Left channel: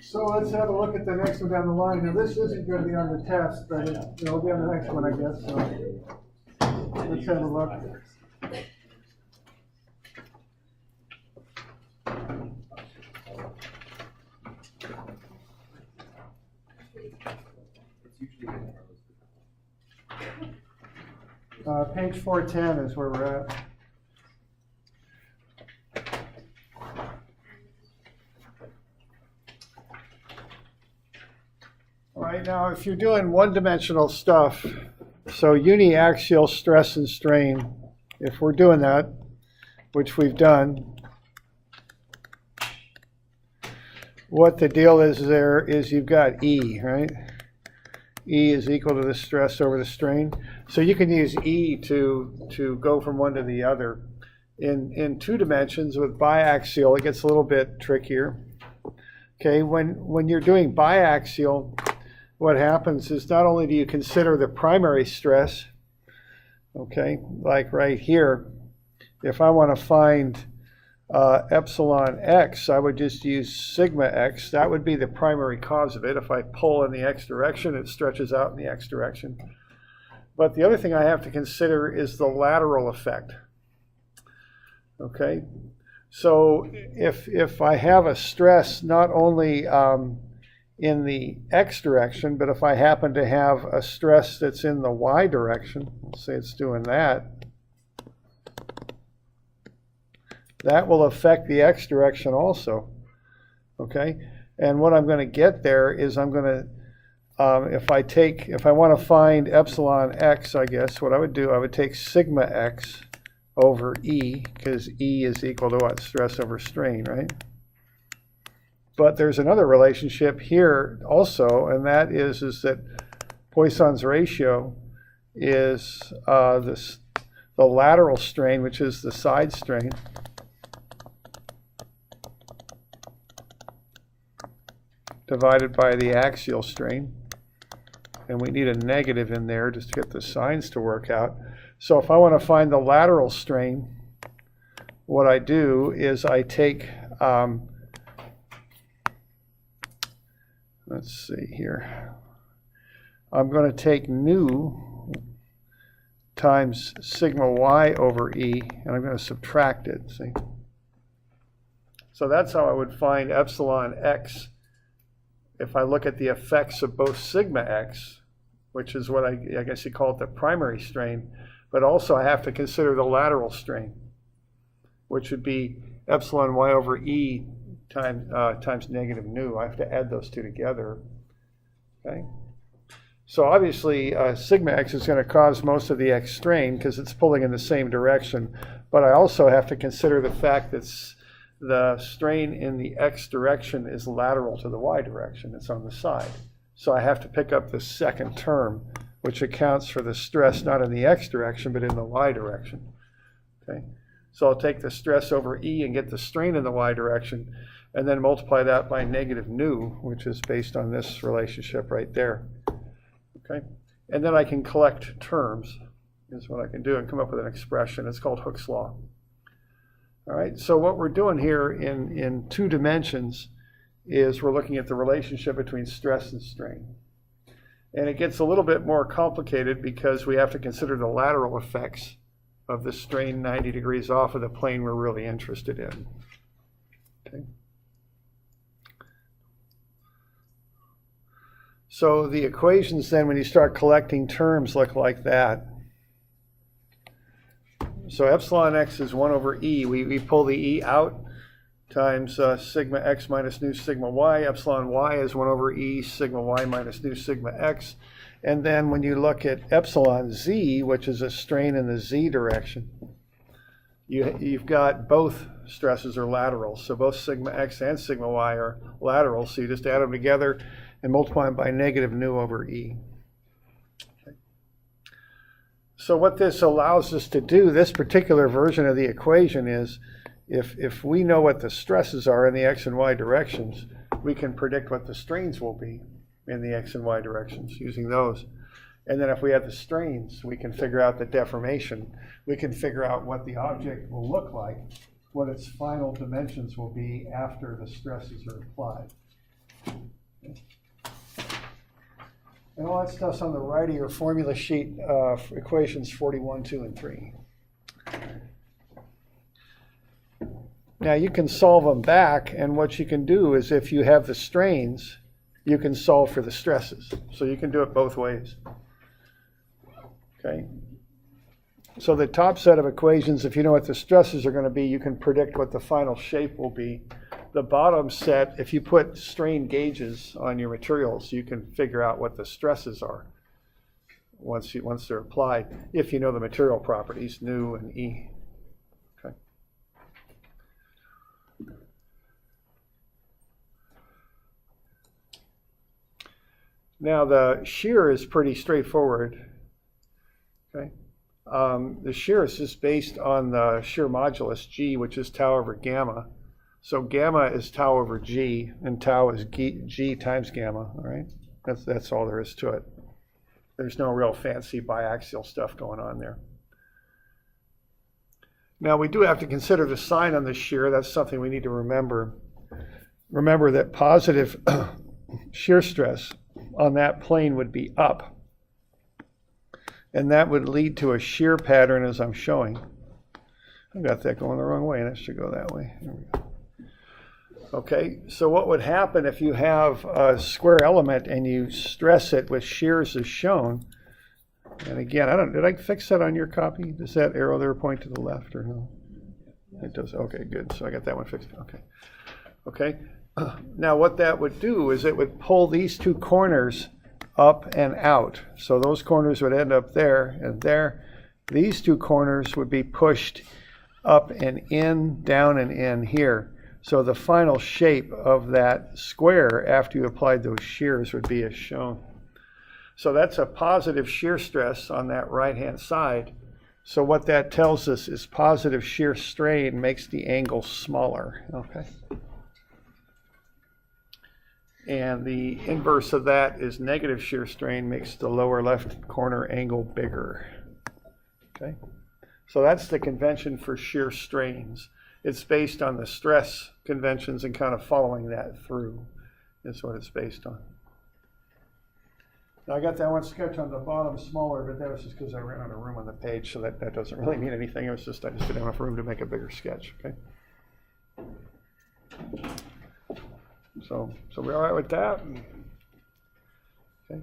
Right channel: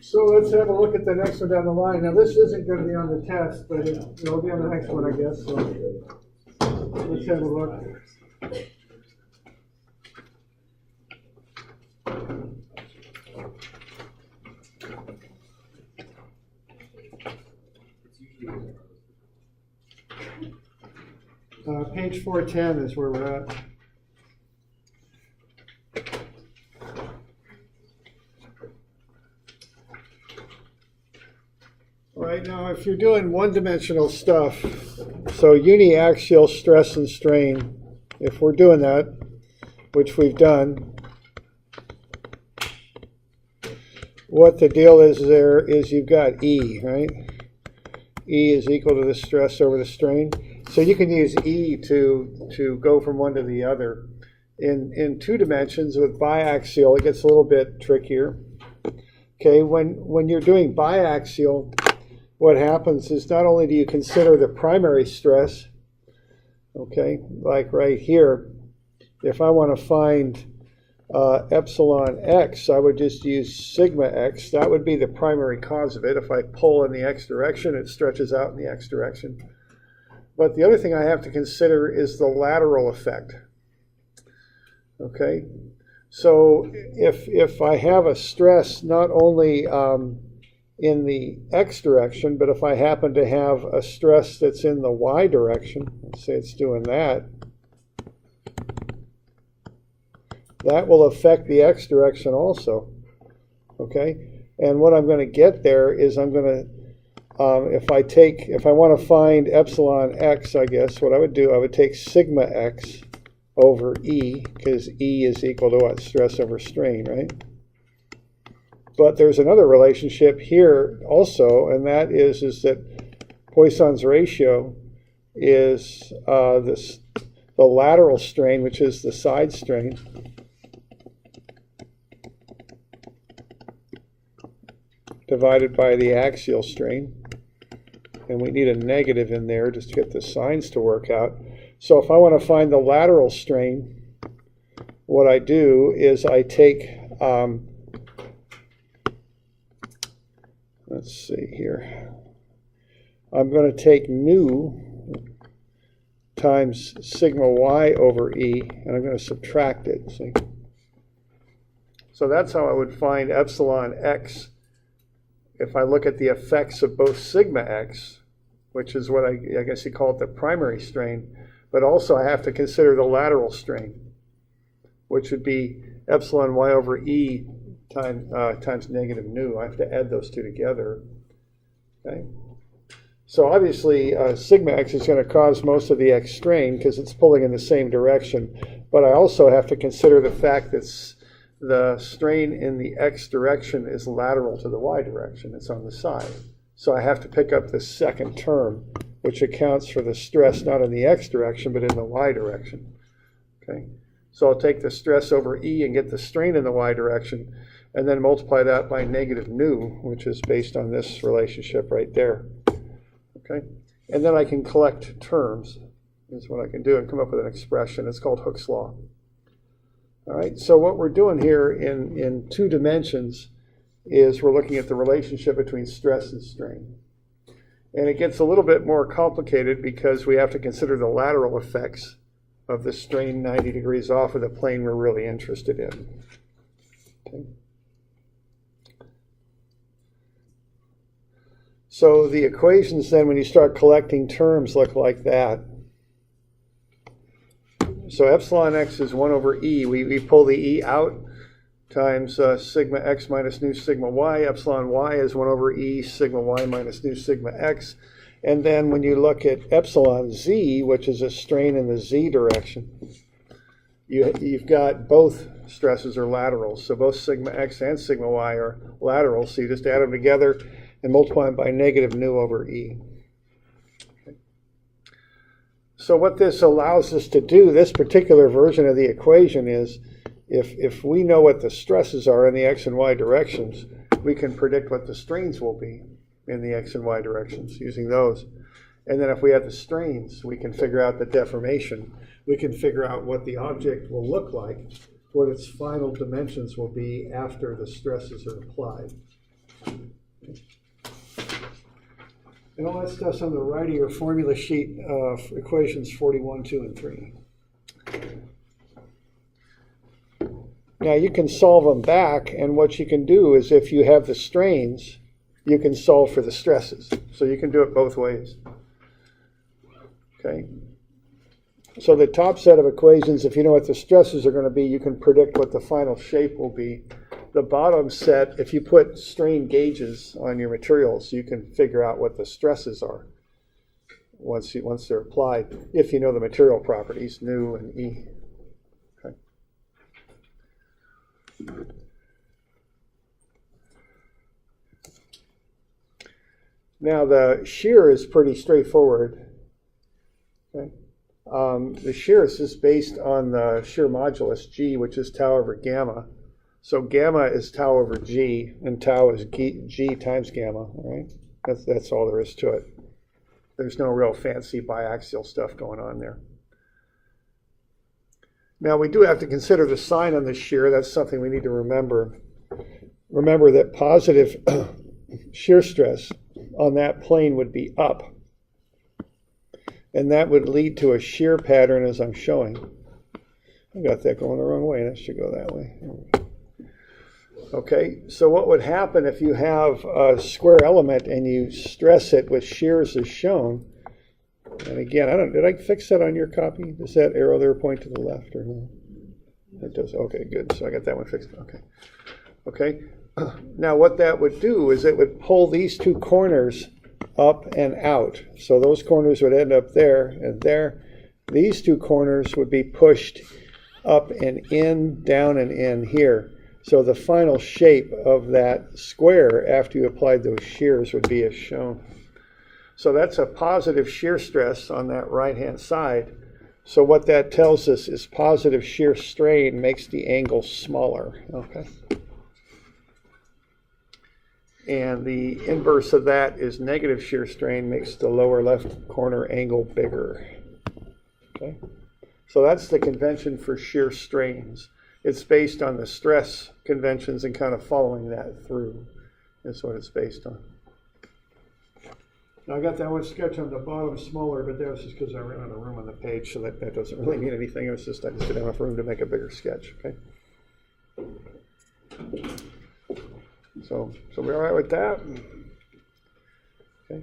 So let's have a look at the next one down the line. Now this isn't going to be on the test, but it'll be on the next one, I guess. So let's have a look. Page 410 is where we're at. Right now, if you're doing one-dimensional stuff, so uniaxial stress and strain, if we're doing that, which we've done, what the deal is there is you've got E, right? E is equal to the stress over the strain. So you can use E to go from one to the other. In 2 dimensions with biaxial, it gets a little bit trickier. Okay, when you're doing biaxial, what happens is not only do you consider the primary stress, okay, like right here, if I want to find epsilon x, I would just use sigma x. That would be the primary cause of it. If I pull in the x direction, it stretches out in the x direction. But the other thing I have to consider is the lateral effect. Okay, so if I have a stress not only in the x direction, but if I happen to have a stress that's in the y direction, let's say it's doing that, that will affect the x direction also. Okay, and what I'm going to get there is I'm going to if I want to find epsilon x, I guess what I would do, I would take sigma x over E, because E is equal to what? Stress over strain, right? But there's another relationship here also, and that is that Poisson's ratio is the lateral strain, which is the side strain, divided by the axial strain. And we need a negative in there just to get the signs to work out. So if I want to find the lateral strain, what I do is I take, let's see here, I'm going to take nu times sigma y over E, and I'm going to subtract it, see? So that's how I would find epsilon x if I look at the effects of both sigma x, which is what I guess you call it the primary strain, but also I have to consider the lateral strain, which would be epsilon y over E times negative nu. I have to add those two together. Okay. So obviously sigma x is going to cause most of the x strain because it's pulling in the same direction, but I also have to consider the fact that the strain in the x direction is lateral to the y direction. It's on the side. So I have to pick up the second term, which accounts for the stress not in the x direction, but in the y direction. Okay. So I'll take the stress over E and get the strain in the y direction, and then multiply that by negative nu, which is based on this relationship right there. Okay. And then I can collect terms, is what I can do, and come up with an expression. It's called Hooke's law. All right, so what we're doing here in 2 dimensions is we're looking at the relationship between stress and strain. And it gets a little bit more complicated because we have to consider the lateral effects of the strain 90 degrees off of the plane we're really interested in. Okay. So the equations then, when you start collecting terms, look like that. So epsilon x is 1 over E. We pull the E out times sigma x minus nu sigma y. Epsilon y is 1 over E sigma y minus nu sigma x. And then when you look at epsilon z, which is a strain in the z direction, you've got both stresses are lateral. So both sigma x and sigma y are lateral. So you just add them together and multiply them by negative nu over E. So what this allows us to do, this particular version of the equation, is if we know what the stresses are in the x and y directions, we can predict what the strains will be in the x and y directions using those. And then if we have the strains, we can figure out the deformation. We can figure out what the object will look like what its final dimensions will be after the stresses are applied. And all that stuff's on the right of your formula sheet, for equations 41, 2, and 3. Now you can solve them back, and what you can do is if you have the strains, you can solve for the stresses. So you can do it both ways. Okay. So the top set of equations, if you know what the stresses are going to be, you can predict what the final shape will be. The bottom set, if you put strain gauges on your materials, you can figure out what the stresses are once they're applied, if you know the material properties, nu and E. Okay. Now the shear is pretty straightforward. Okay. The shear is just based on the shear modulus, G, which is tau over gamma. So gamma is tau over G, and tau is G times gamma, right? That's all there is to it. There's no real fancy biaxial stuff going on there. Now we do have to consider the sign on the shear. That's something we need to remember. Remember that positive shear stress on that plane would be up. And that would lead to a shear pattern as I'm showing. I got that going the wrong way. That should go that way. Here we go. Okay, so what would happen if you have a square element and you stress it with shears as shown? And again, did I fix that on your copy? Does that arrow there point to the left or no? It does. Okay, good. So I got that one fixed. Okay. Okay. Now what that would do is it would pull these two corners up and out. So those corners would end up there and there. These two corners would be pushed up and in, down and in here. So the final shape of that square after you applied those shears would be as shown. So that's a positive shear stress on that right-hand side. So what that tells us is positive shear strain makes the angle smaller. Okay. And the inverse of that is negative shear strain makes the lower left corner angle bigger. Okay. So that's the convention for shear strains. It's based on the stress conventions and kind of following that through. That's what it's based on. Now I got that one sketch on the bottom smaller, but that was just because I ran out of room on the page, so that doesn't really mean anything. It was just I just didn't have enough room to make a bigger sketch. Okay. So we're all right with that. Okay.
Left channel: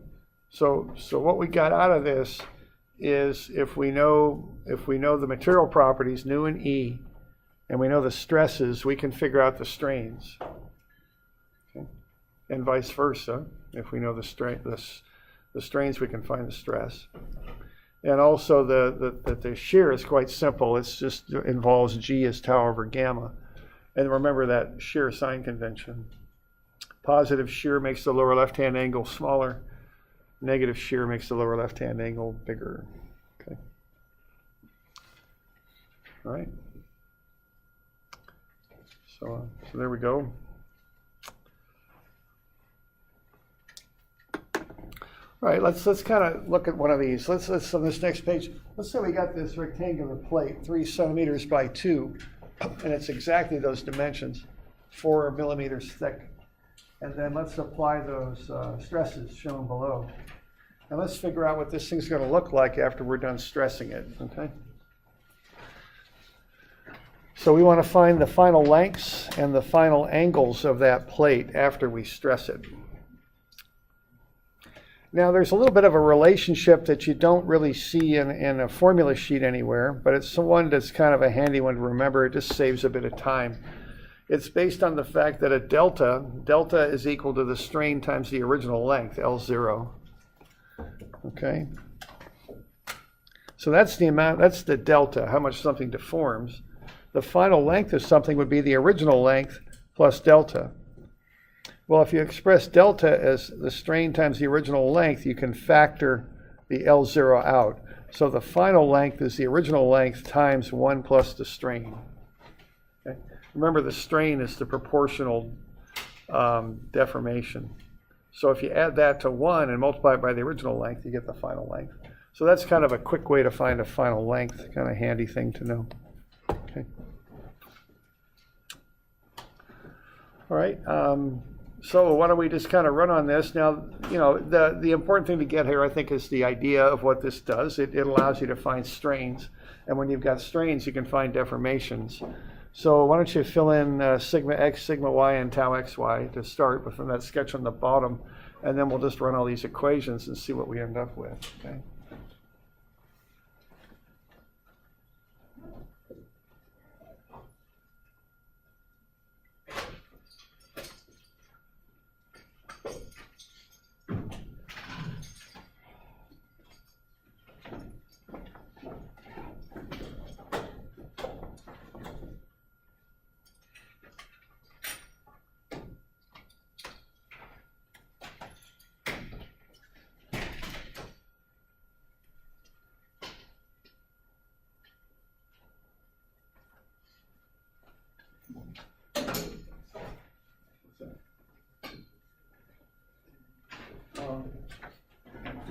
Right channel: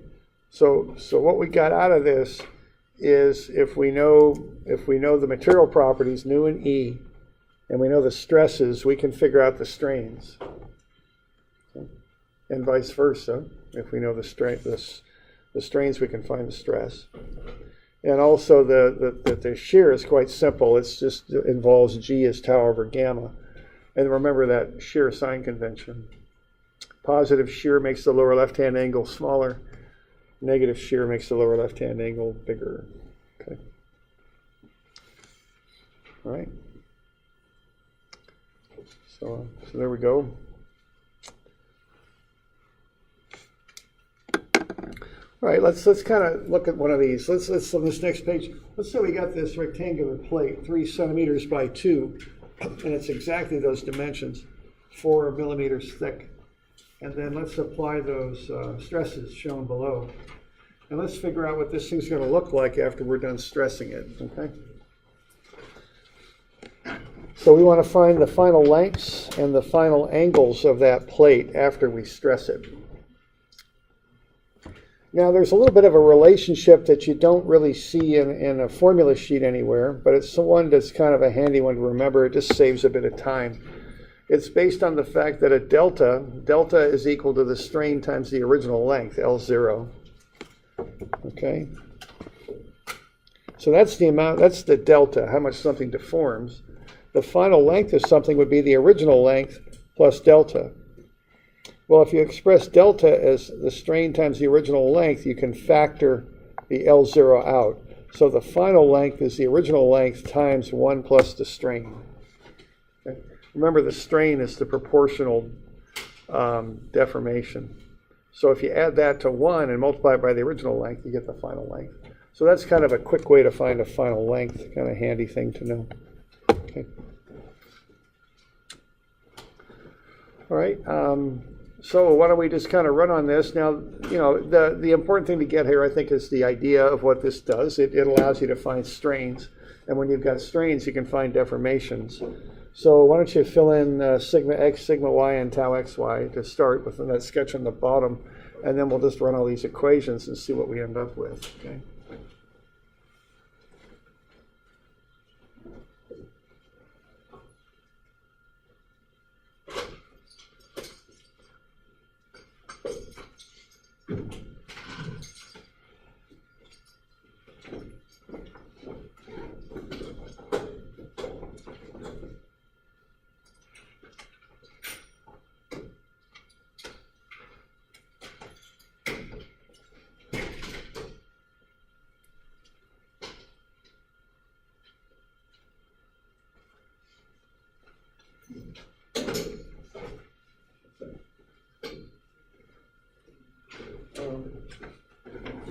So what we got out of this is if we know the material properties, nu and E, and we know the stresses, we can figure out the strains. Okay. And vice versa. If we know the strains, we can find the stress. And also the shear is quite simple. It's just involves G as tau over gamma. And remember that shear sign convention. Positive shear makes the lower left-hand angle smaller. Negative shear makes the lower left-hand angle bigger. Okay. All right. So there we go. All right, let's kind of look at one of these. Let's on this next page. Let's say we got this rectangular plate, 3 centimeters by 2, and it's exactly those dimensions, 4 millimeters thick. And then let's apply those stresses shown below. And let's figure out what this thing's going to look like after we're done stressing it, okay? So we want to find the final lengths and the final angles of that plate after we stress it. Now there's a little bit of a relationship that you don't really see in a formula sheet anywhere, but it's the one that's kind of a handy one to remember. It just saves a bit of time. It's based on the fact that a delta is equal to the strain times the original length, L0. Okay. So that's the amount, that's the delta, how much something deforms. The final length of something would be the original length plus delta. Well, if you express delta as the strain times the original length, you can factor the L0 out. So the final length is the original length times 1 plus the strain. Okay. Remember, the strain is the proportional deformation. So if you add that to 1 and multiply it by the original length, you get the final length. So that's kind of a quick way to find a final length, kind of handy thing to know. Okay. All right. So why don't we just kind of run on this now? You know, the important thing to get here, I think, is the idea of what this does. It allows you to find strains, and when you've got strains, you can find deformations. So why don't you fill in sigma x, sigma y, and tau xy to start with that sketch on the bottom, and then we'll just run all these equations and see what we end up with. Okay.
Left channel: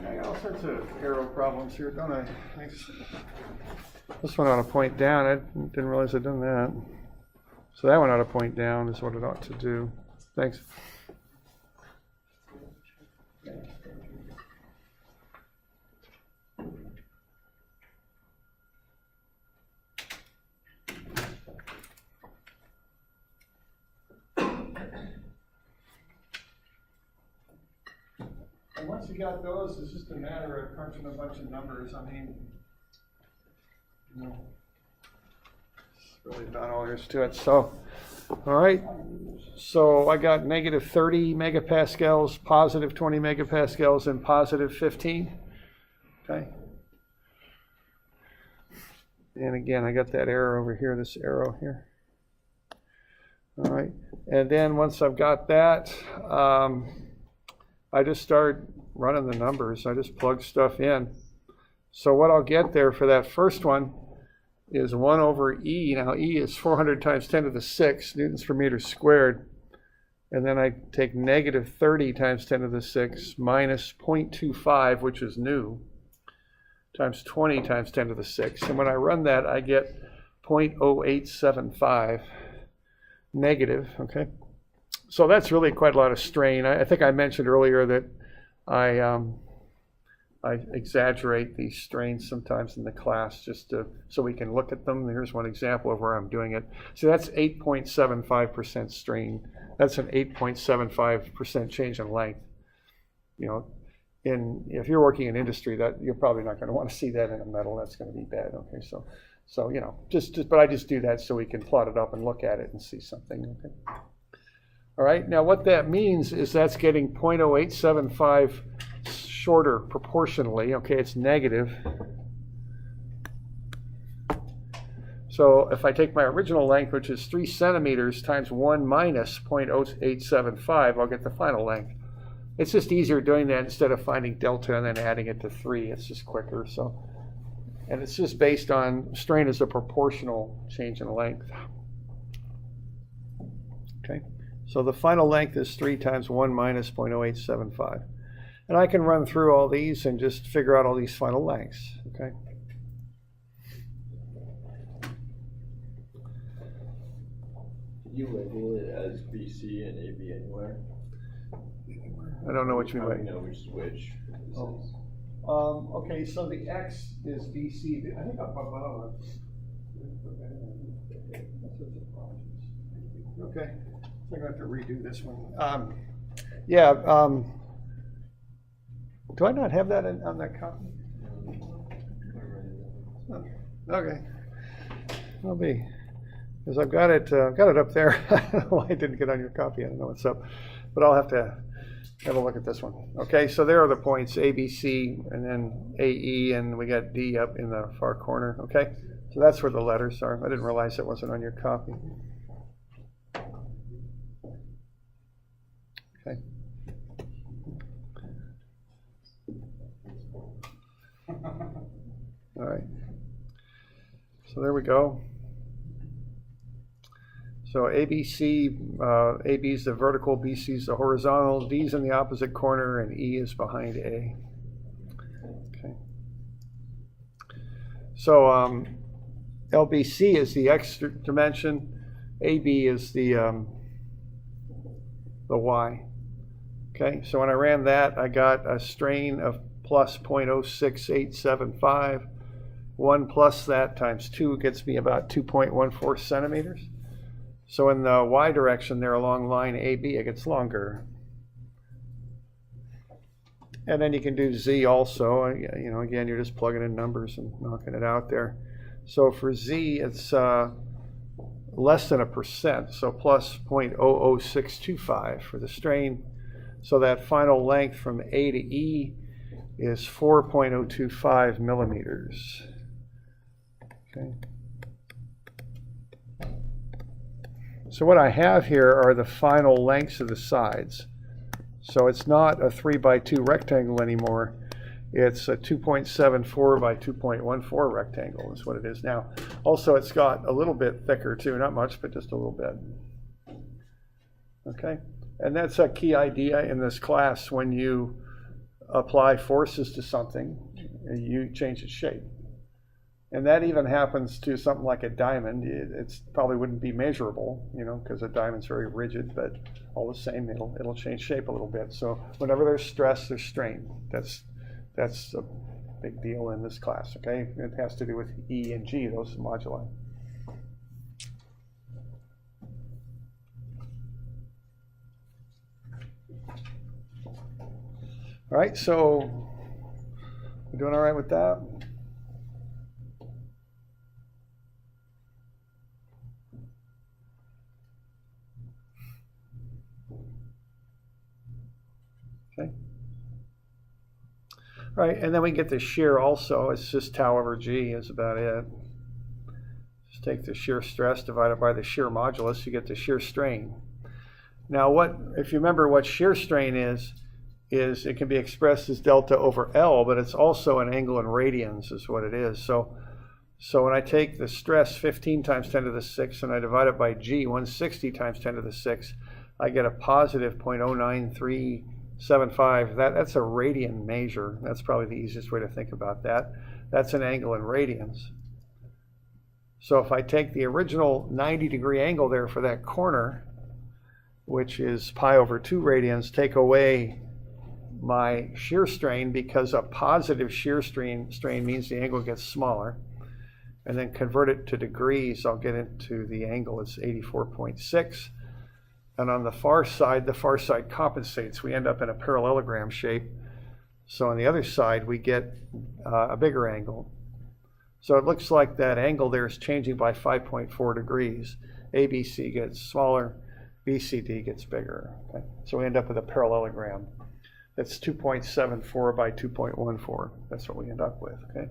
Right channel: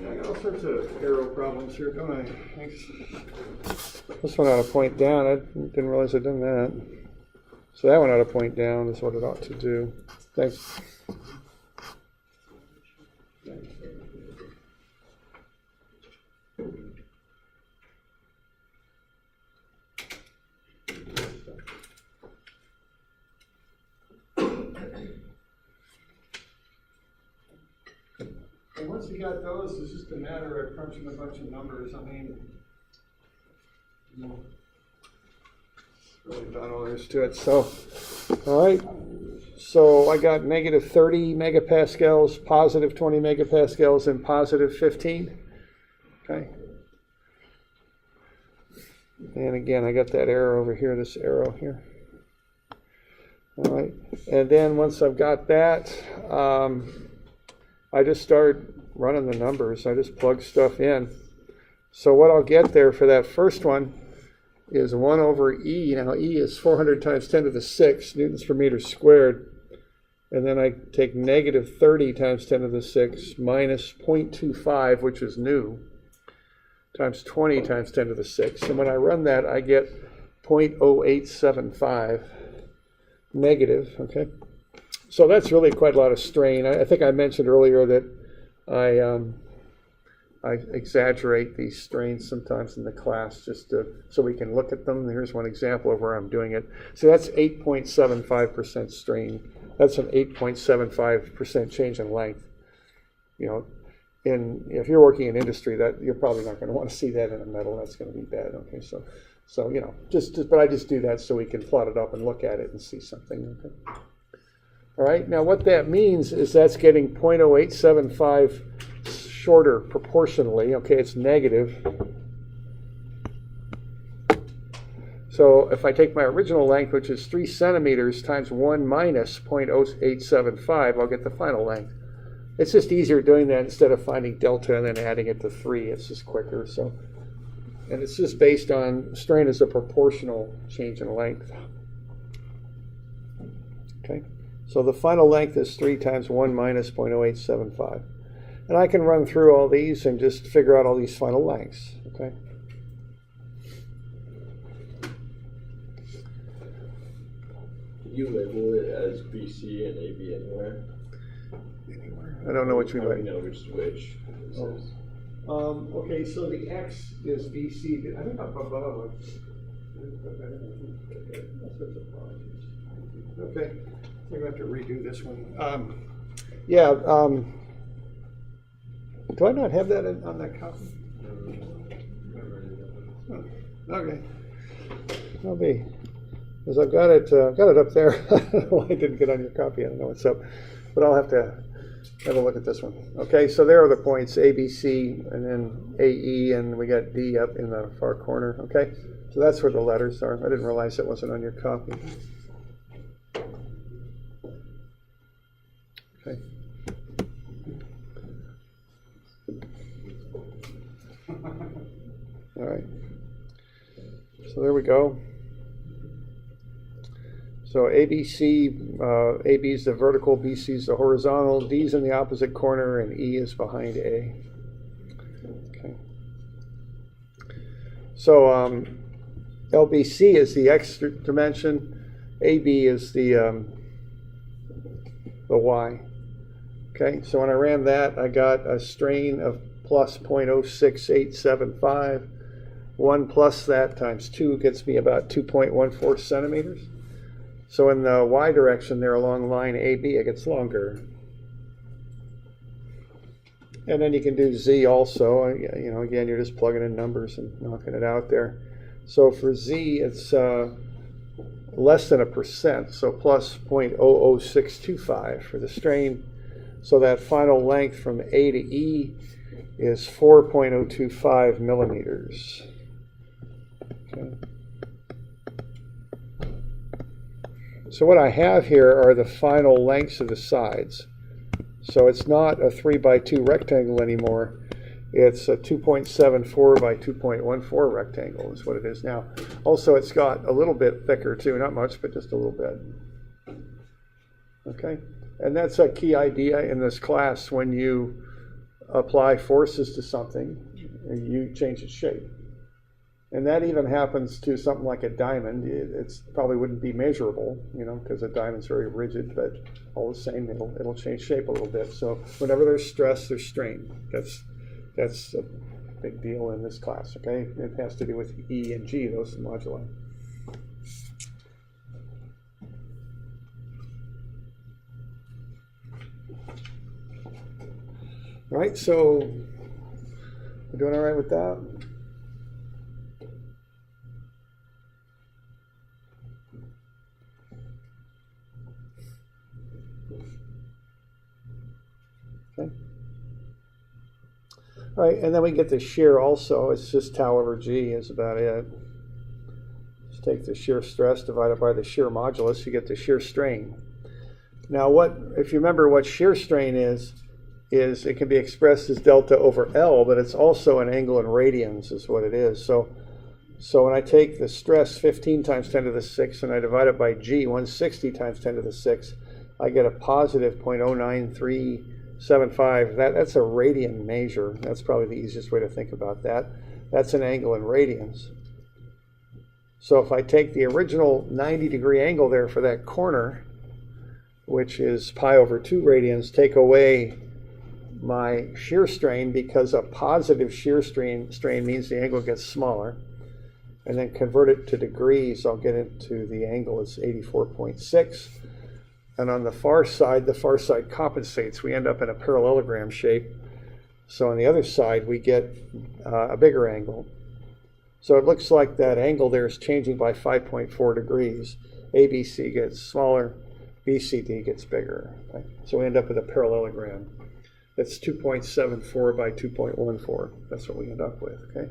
I got all sorts of arrow problems here, don't I? Thanks. This one ought to point down. I didn't realize I'd done that. So that one ought to point down is what it ought to do. Thanks. And once you got those, it's just a matter of crunching a bunch of numbers. I mean, you know, it's really not all there is to it. So, all right. So I got negative 30 megapascals, positive 20 megapascals, and positive 15. Okay. And again, I got that arrow over here, this arrow here. All right. And then once I've got that, I just start running the numbers. I just plug stuff in. So what I'll get there for that first one is 1 over E. Now E is 400 times 10 to the 6 newtons per meter squared. And then I take negative 30 times 10 to the 6 minus 0.25, which is new, times 20 times 10 to the 6. And when I run that, I get 0.0875 negative, okay? So that's really quite a lot of strain. I think I mentioned earlier that I exaggerate these strains sometimes in the class just so we can look at them. Here's one example of where I'm doing it. So that's 8.75% strain. That's an 8.75% change in length. You know, if you're working in industry, that you're probably not going to want to see that in a metal. That's going to be bad. Okay, so you know, but I just do that so we can plot it up and look at it and see something. Okay. All right, now what that means is that's getting 0.0875 shorter proportionally. Okay, it's negative. So if I take my original length, which is 3 centimeters, times 1 minus 0.0875, I'll get the final length. It's just easier doing that instead of finding delta and then adding it to 3. It's just quicker. So, and it's just based on strain as a proportional change in length. Okay. So the final length is 3 times 1 minus 0.0875. And I can run through all these and just figure out all these final lengths, okay? Can you label it as BC and AB anywhere? Anywhere. I don't know what you mean. You know which is which. Okay, so the X is BC. I think up above. Okay. I'm going to have to redo this one. Do I not have that on that copy? Oh, okay. It'll be, because I've got it up there. I don't know why it didn't get on your copy. I don't know what's up, but I'll have to have a look at this one. Okay, so there are the points, A, B, C, and then A, E, and we got D up in the far corner. Okay, so that's where the letters are. I didn't realize that wasn't on your copy. Okay. All right. So there we go. So ABC, AB is the vertical, BC is the horizontal, D is in the opposite corner, and E is behind A. Okay. So LBC is the X dimension, AB is the the y. Okay, so when I ran that, I got a strain of plus 0.06875. 1 plus that times 2 gets me about 2.14 centimeters. So in the y direction there along line AB, it gets longer. And then you can do z also. You know, again, you're just plugging in numbers and knocking it out there. So for z, it's less than 1%, so plus 0.00625 for the strain. So that final length from A to E is 4.025 millimeters. Okay. So what I have here are the final lengths of the sides. So it's not a 3 by 2 rectangle anymore. It's a 2.74 by 2.14 rectangle is what it is now. Also, it's got a little bit thicker too, not much, but just a little bit. Okay, and that's a key idea in this class. When you apply forces to something, you change its shape. And that even happens to something like a diamond. It's probably wouldn't be measurable, you know, because a diamond's very rigid, but all the same, it'll change shape a little bit. So whenever there's stress, there's strain. That's a big deal in this class, okay? It has to do with E and G, those moduli. All right, so we're doing all right with that? Okay. All right, and then we get the shear also. It's just tau over G is about it. Just take the shear stress divided by the shear modulus, you get the shear strain. Now if you remember what shear strain is it can be expressed as delta over L, but it's also an angle in radians is what it is. So when I take the stress 15 times 10 to the 6 and I divide it by G, 160 times 10 to the 6, I get a positive 0.09375. That's a radian measure. That's probably the easiest way to think about that. That's an angle in radians. So if I take the original 90-degree angle there for that corner, which is pi over 2 radians, take away my shear strain, because a positive shear strain means the angle gets smaller, and then convert it to degrees, I'll get into the angle is 84.6. And on the far side compensates. We end up in a parallelogram shape. So on the other side, we get a bigger angle. So it looks like that angle there is changing by 5.4 degrees. ABC gets smaller, BCD gets bigger. Okay? So we end up with a parallelogram. That's 2.74 by 2.14. That's what we end up with, okay?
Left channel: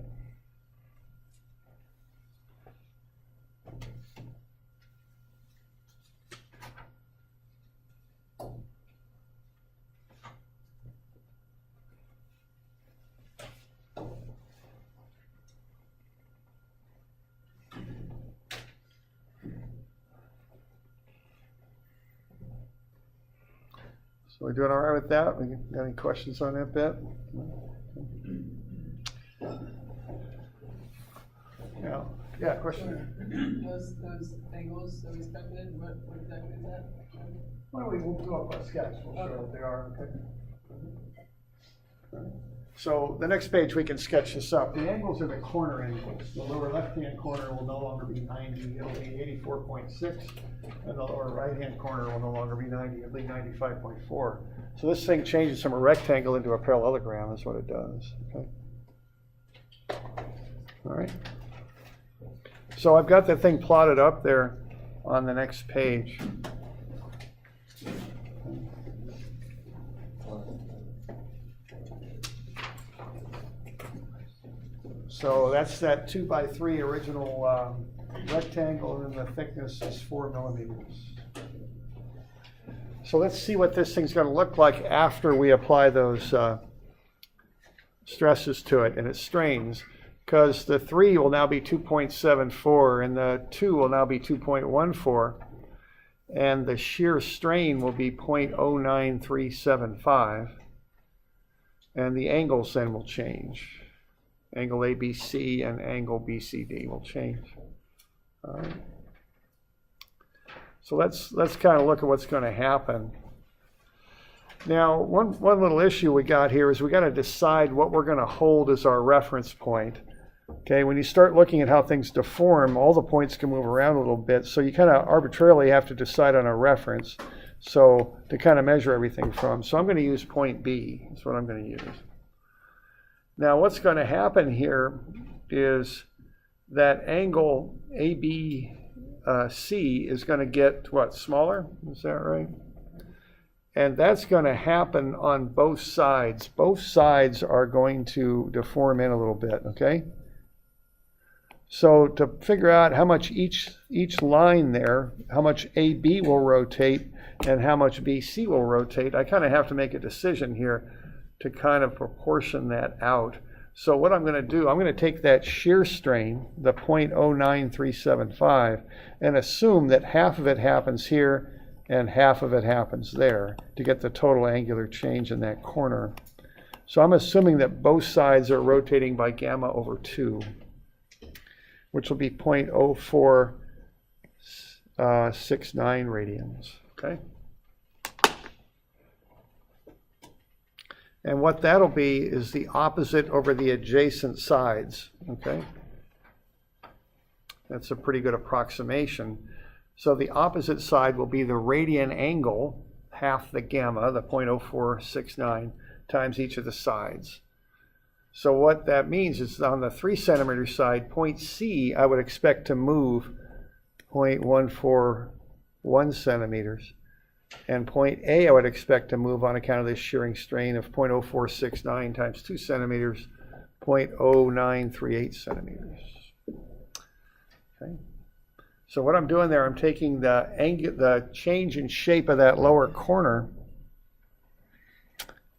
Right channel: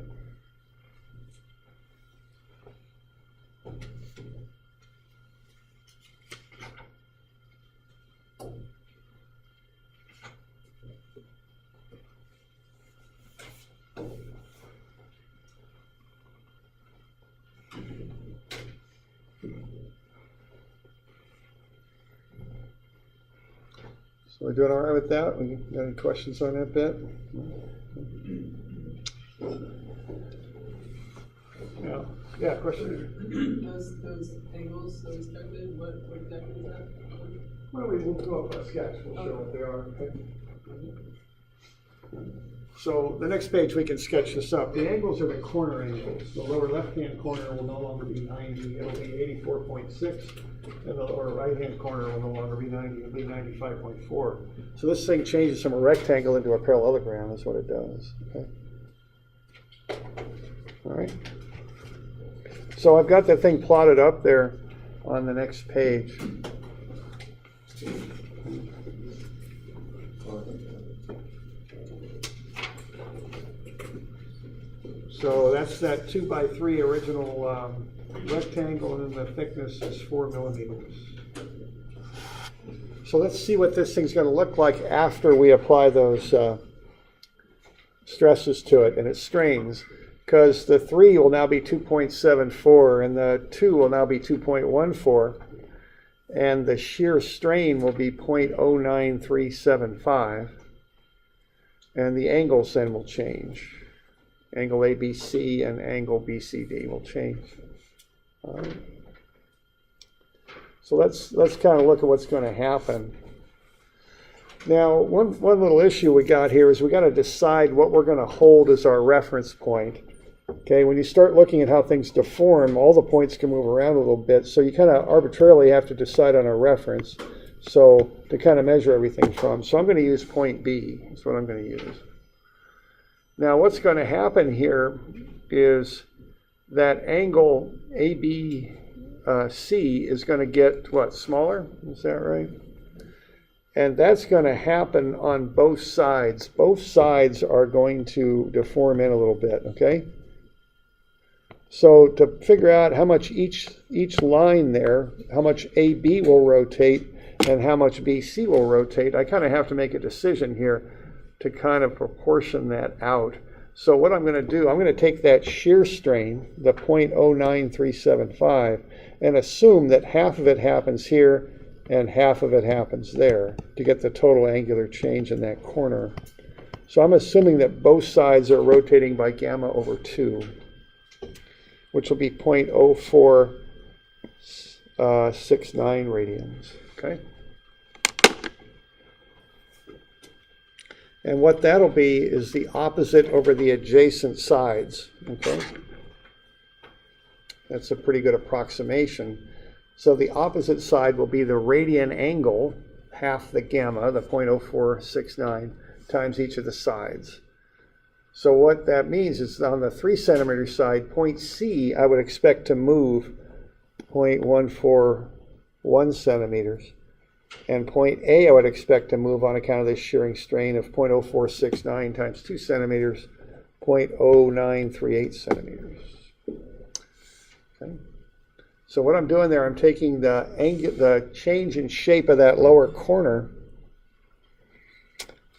So we're doing all right with that? We got any questions on that bit? Yeah, question? Those angles that we calculated, what exactly is that? Why don't we'll go up a sketch, we'll show what they are, okay? So the next page we can sketch this up. The angles are the corner angles. The lower left-hand corner will no longer be 90, it'll be 84.6, and the lower right-hand corner will no longer be 90, it'll be 95.4. So this thing changes from a rectangle into a parallelogram is what it does, okay? All right. So I've got that thing plotted up there on the next page. So that's that 2 by 3 original rectangle, and then the thickness is 4 millimeters. So let's see what this thing's going to look like after we apply those stresses to it and its strains, because the 3 will now be 2.74 and the 2 will now be 2.14, and the shear strain will be 0.09375, and the angles then will change. Angle ABC and angle BCD will change. All right. So let's kind of look at what's going to happen. Now, one little issue we got here is we got to decide what we're going to hold as our reference point. Okay, when you start looking at how things deform, all the points can move around a little bit, so you kind of arbitrarily have to decide on a reference, so to kind of measure everything from. So I'm going to use point B, that's what I'm going to use. Now what's going to happen here is that angle ABC is going to get, what, smaller? Is that right? And that's going to happen on both sides. Both sides are going to deform in a little bit, okay? So to figure out how much each line there, how much AB will rotate and how much BC will rotate, I kind of have to make a decision here to kind of proportion that out. So what I'm going to do, I'm going to take that shear strain, the 0.09375, and assume that half of it happens here and half of it happens there to get the total angular change in that corner. So I'm assuming that both sides are rotating by gamma over 2, which will be 0.0469 radians, okay? And what that'll be is the opposite over the adjacent sides, okay? That's a pretty good approximation. So the opposite side will be the radian angle, half the gamma, the 0.0469, times each of the sides. So what that means is on the 3 centimeter side, point C, I would expect to move 0.141 centimeters. And point A, I would expect to move on account of this shearing strain of 0.0469 times 2 centimeters, 0.0938 centimeters. Okay. So what I'm doing there, I'm taking the change in shape of that lower corner,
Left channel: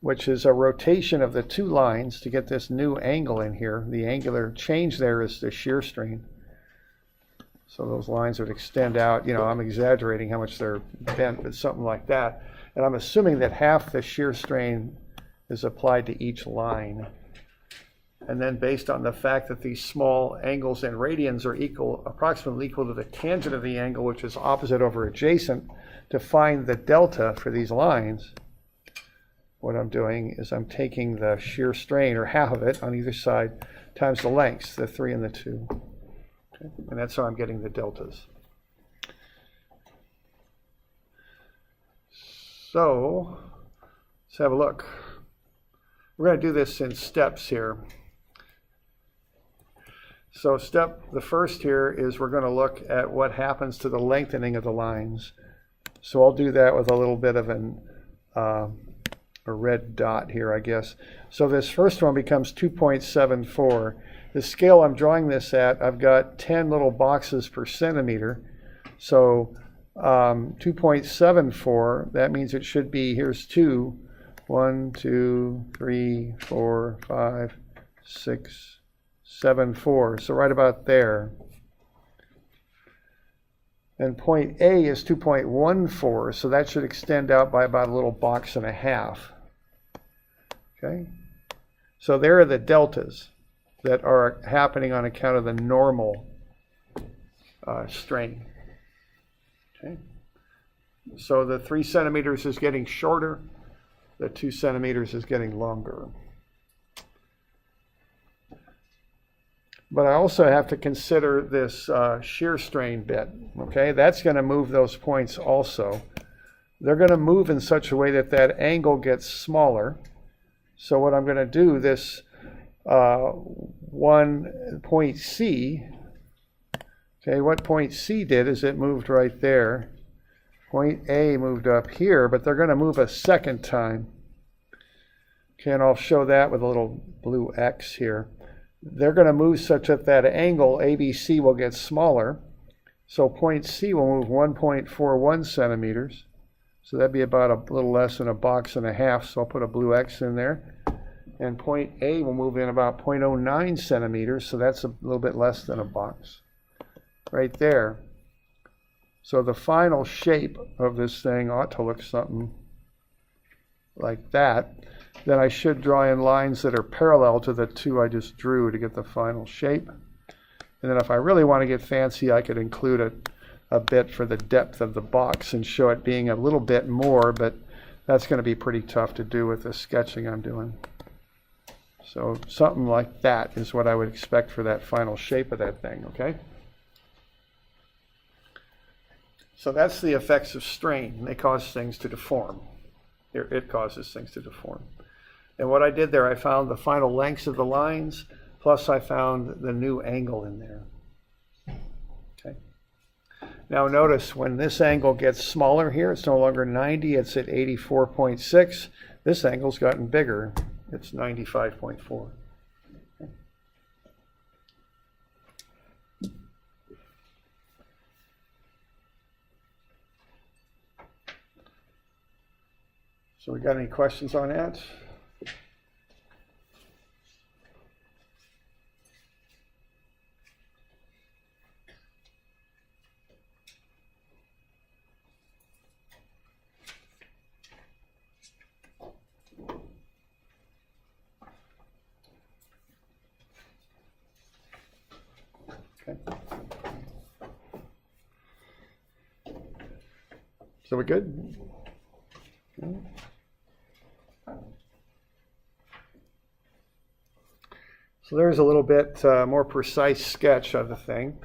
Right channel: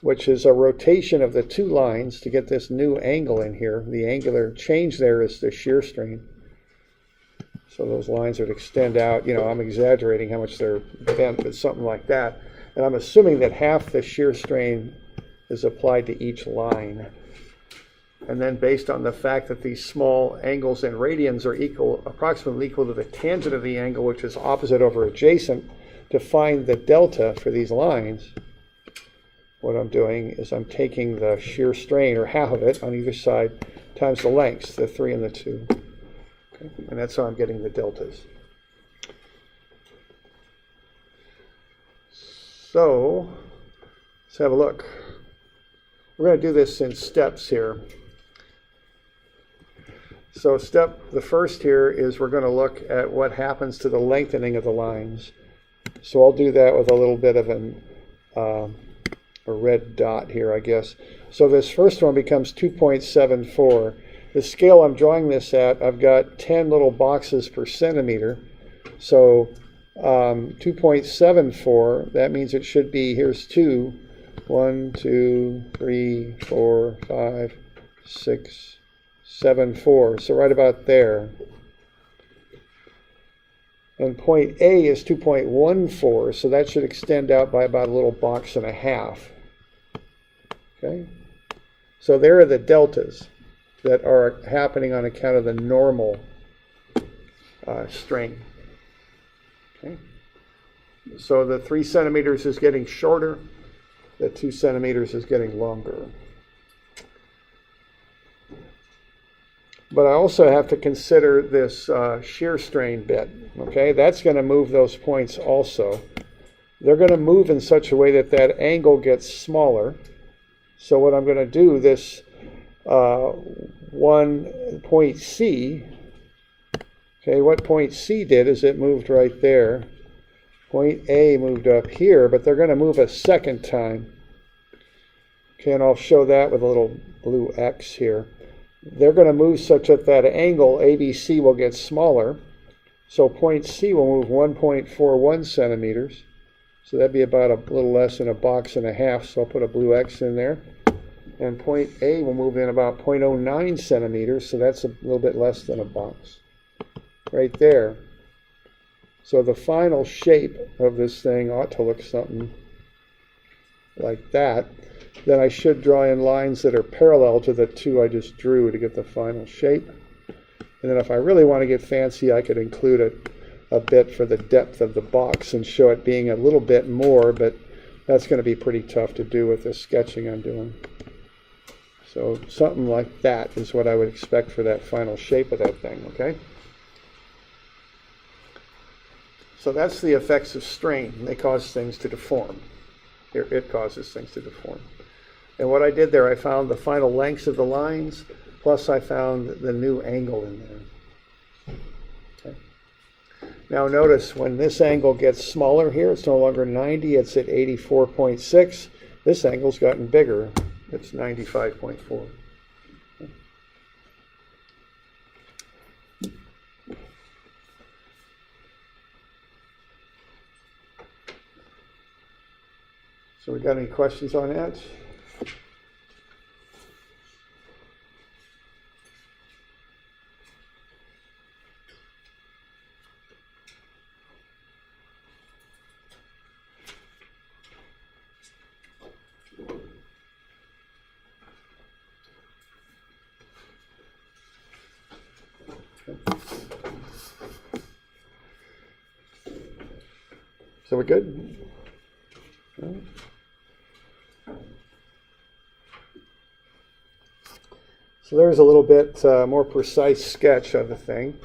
which is a rotation of the 2 lines to get this new angle in here. The angular change there is the shear strain. So those lines would extend out, you know, I'm exaggerating how much they're bent, but something like that. And I'm assuming that half the shear strain is applied to each line. And then based on the fact that these small angles in radians are approximately equal to the tangent of the angle, which is opposite over adjacent, to find the delta for these lines, what I'm doing is I'm taking the shear strain, or half of it on either side, times the lengths, the 3 and the 2. Okay? And that's how I'm getting the deltas. So let's have a look. We're going to do this in steps here. So the first here is we're going to look at what happens to the lengthening of the lines. So I'll do that with a little bit of a red dot here, I guess. So this first one becomes 2.74. The scale I'm drawing this at, I've got 10 little boxes per centimeter. So 2.74, that means it should be, here's 2, 1, 2, 3, 4, 5, 6, 7, 4. So right about there. And point A is 2.14, so that should extend out by about a little box and a half. Okay? So there are the deltas that are happening on account of the normal strain. Okay? So the 3 centimeters is getting shorter, the 2 centimeters is getting longer. But I also have to consider this shear strain bit, okay? That's going to move those points also. They're going to move in such a way that that angle gets smaller. So what I'm going to do, this one point C, okay, what point C did is it moved right there. Point A moved up here, but they're going to move a second time. Okay, and I'll show that with a little blue X here. They're going to move such that that angle ABC will get smaller. So point C will move 1.41 centimeters. So that'd be about a little less than a box and a half. So I'll put a blue X in there. And point A will move in about 0.09 centimeters. So that's a little bit less than a box. Right there. So the final shape of this thing ought to look something like that. Then I should draw in lines that are parallel to the 2 I just drew to get the final shape. And then if I really want to get fancy, I could include a bit for the depth of the box and show it being a little bit more, but that's going to be pretty tough to do with the sketching I'm doing. So something like that is what I would expect for that final shape of that thing, okay? So that's the effects of strain. They cause things to deform. It causes things to deform. And what I did there, I found the final lengths of the lines, plus I found the new angle in there. Okay. Now notice when this angle gets smaller here, it's no longer 90, it's at 84.6. This angle's gotten bigger. It's 95.4. So we got any questions on that? So we're good? So there's a little bit more precise sketch of the thing.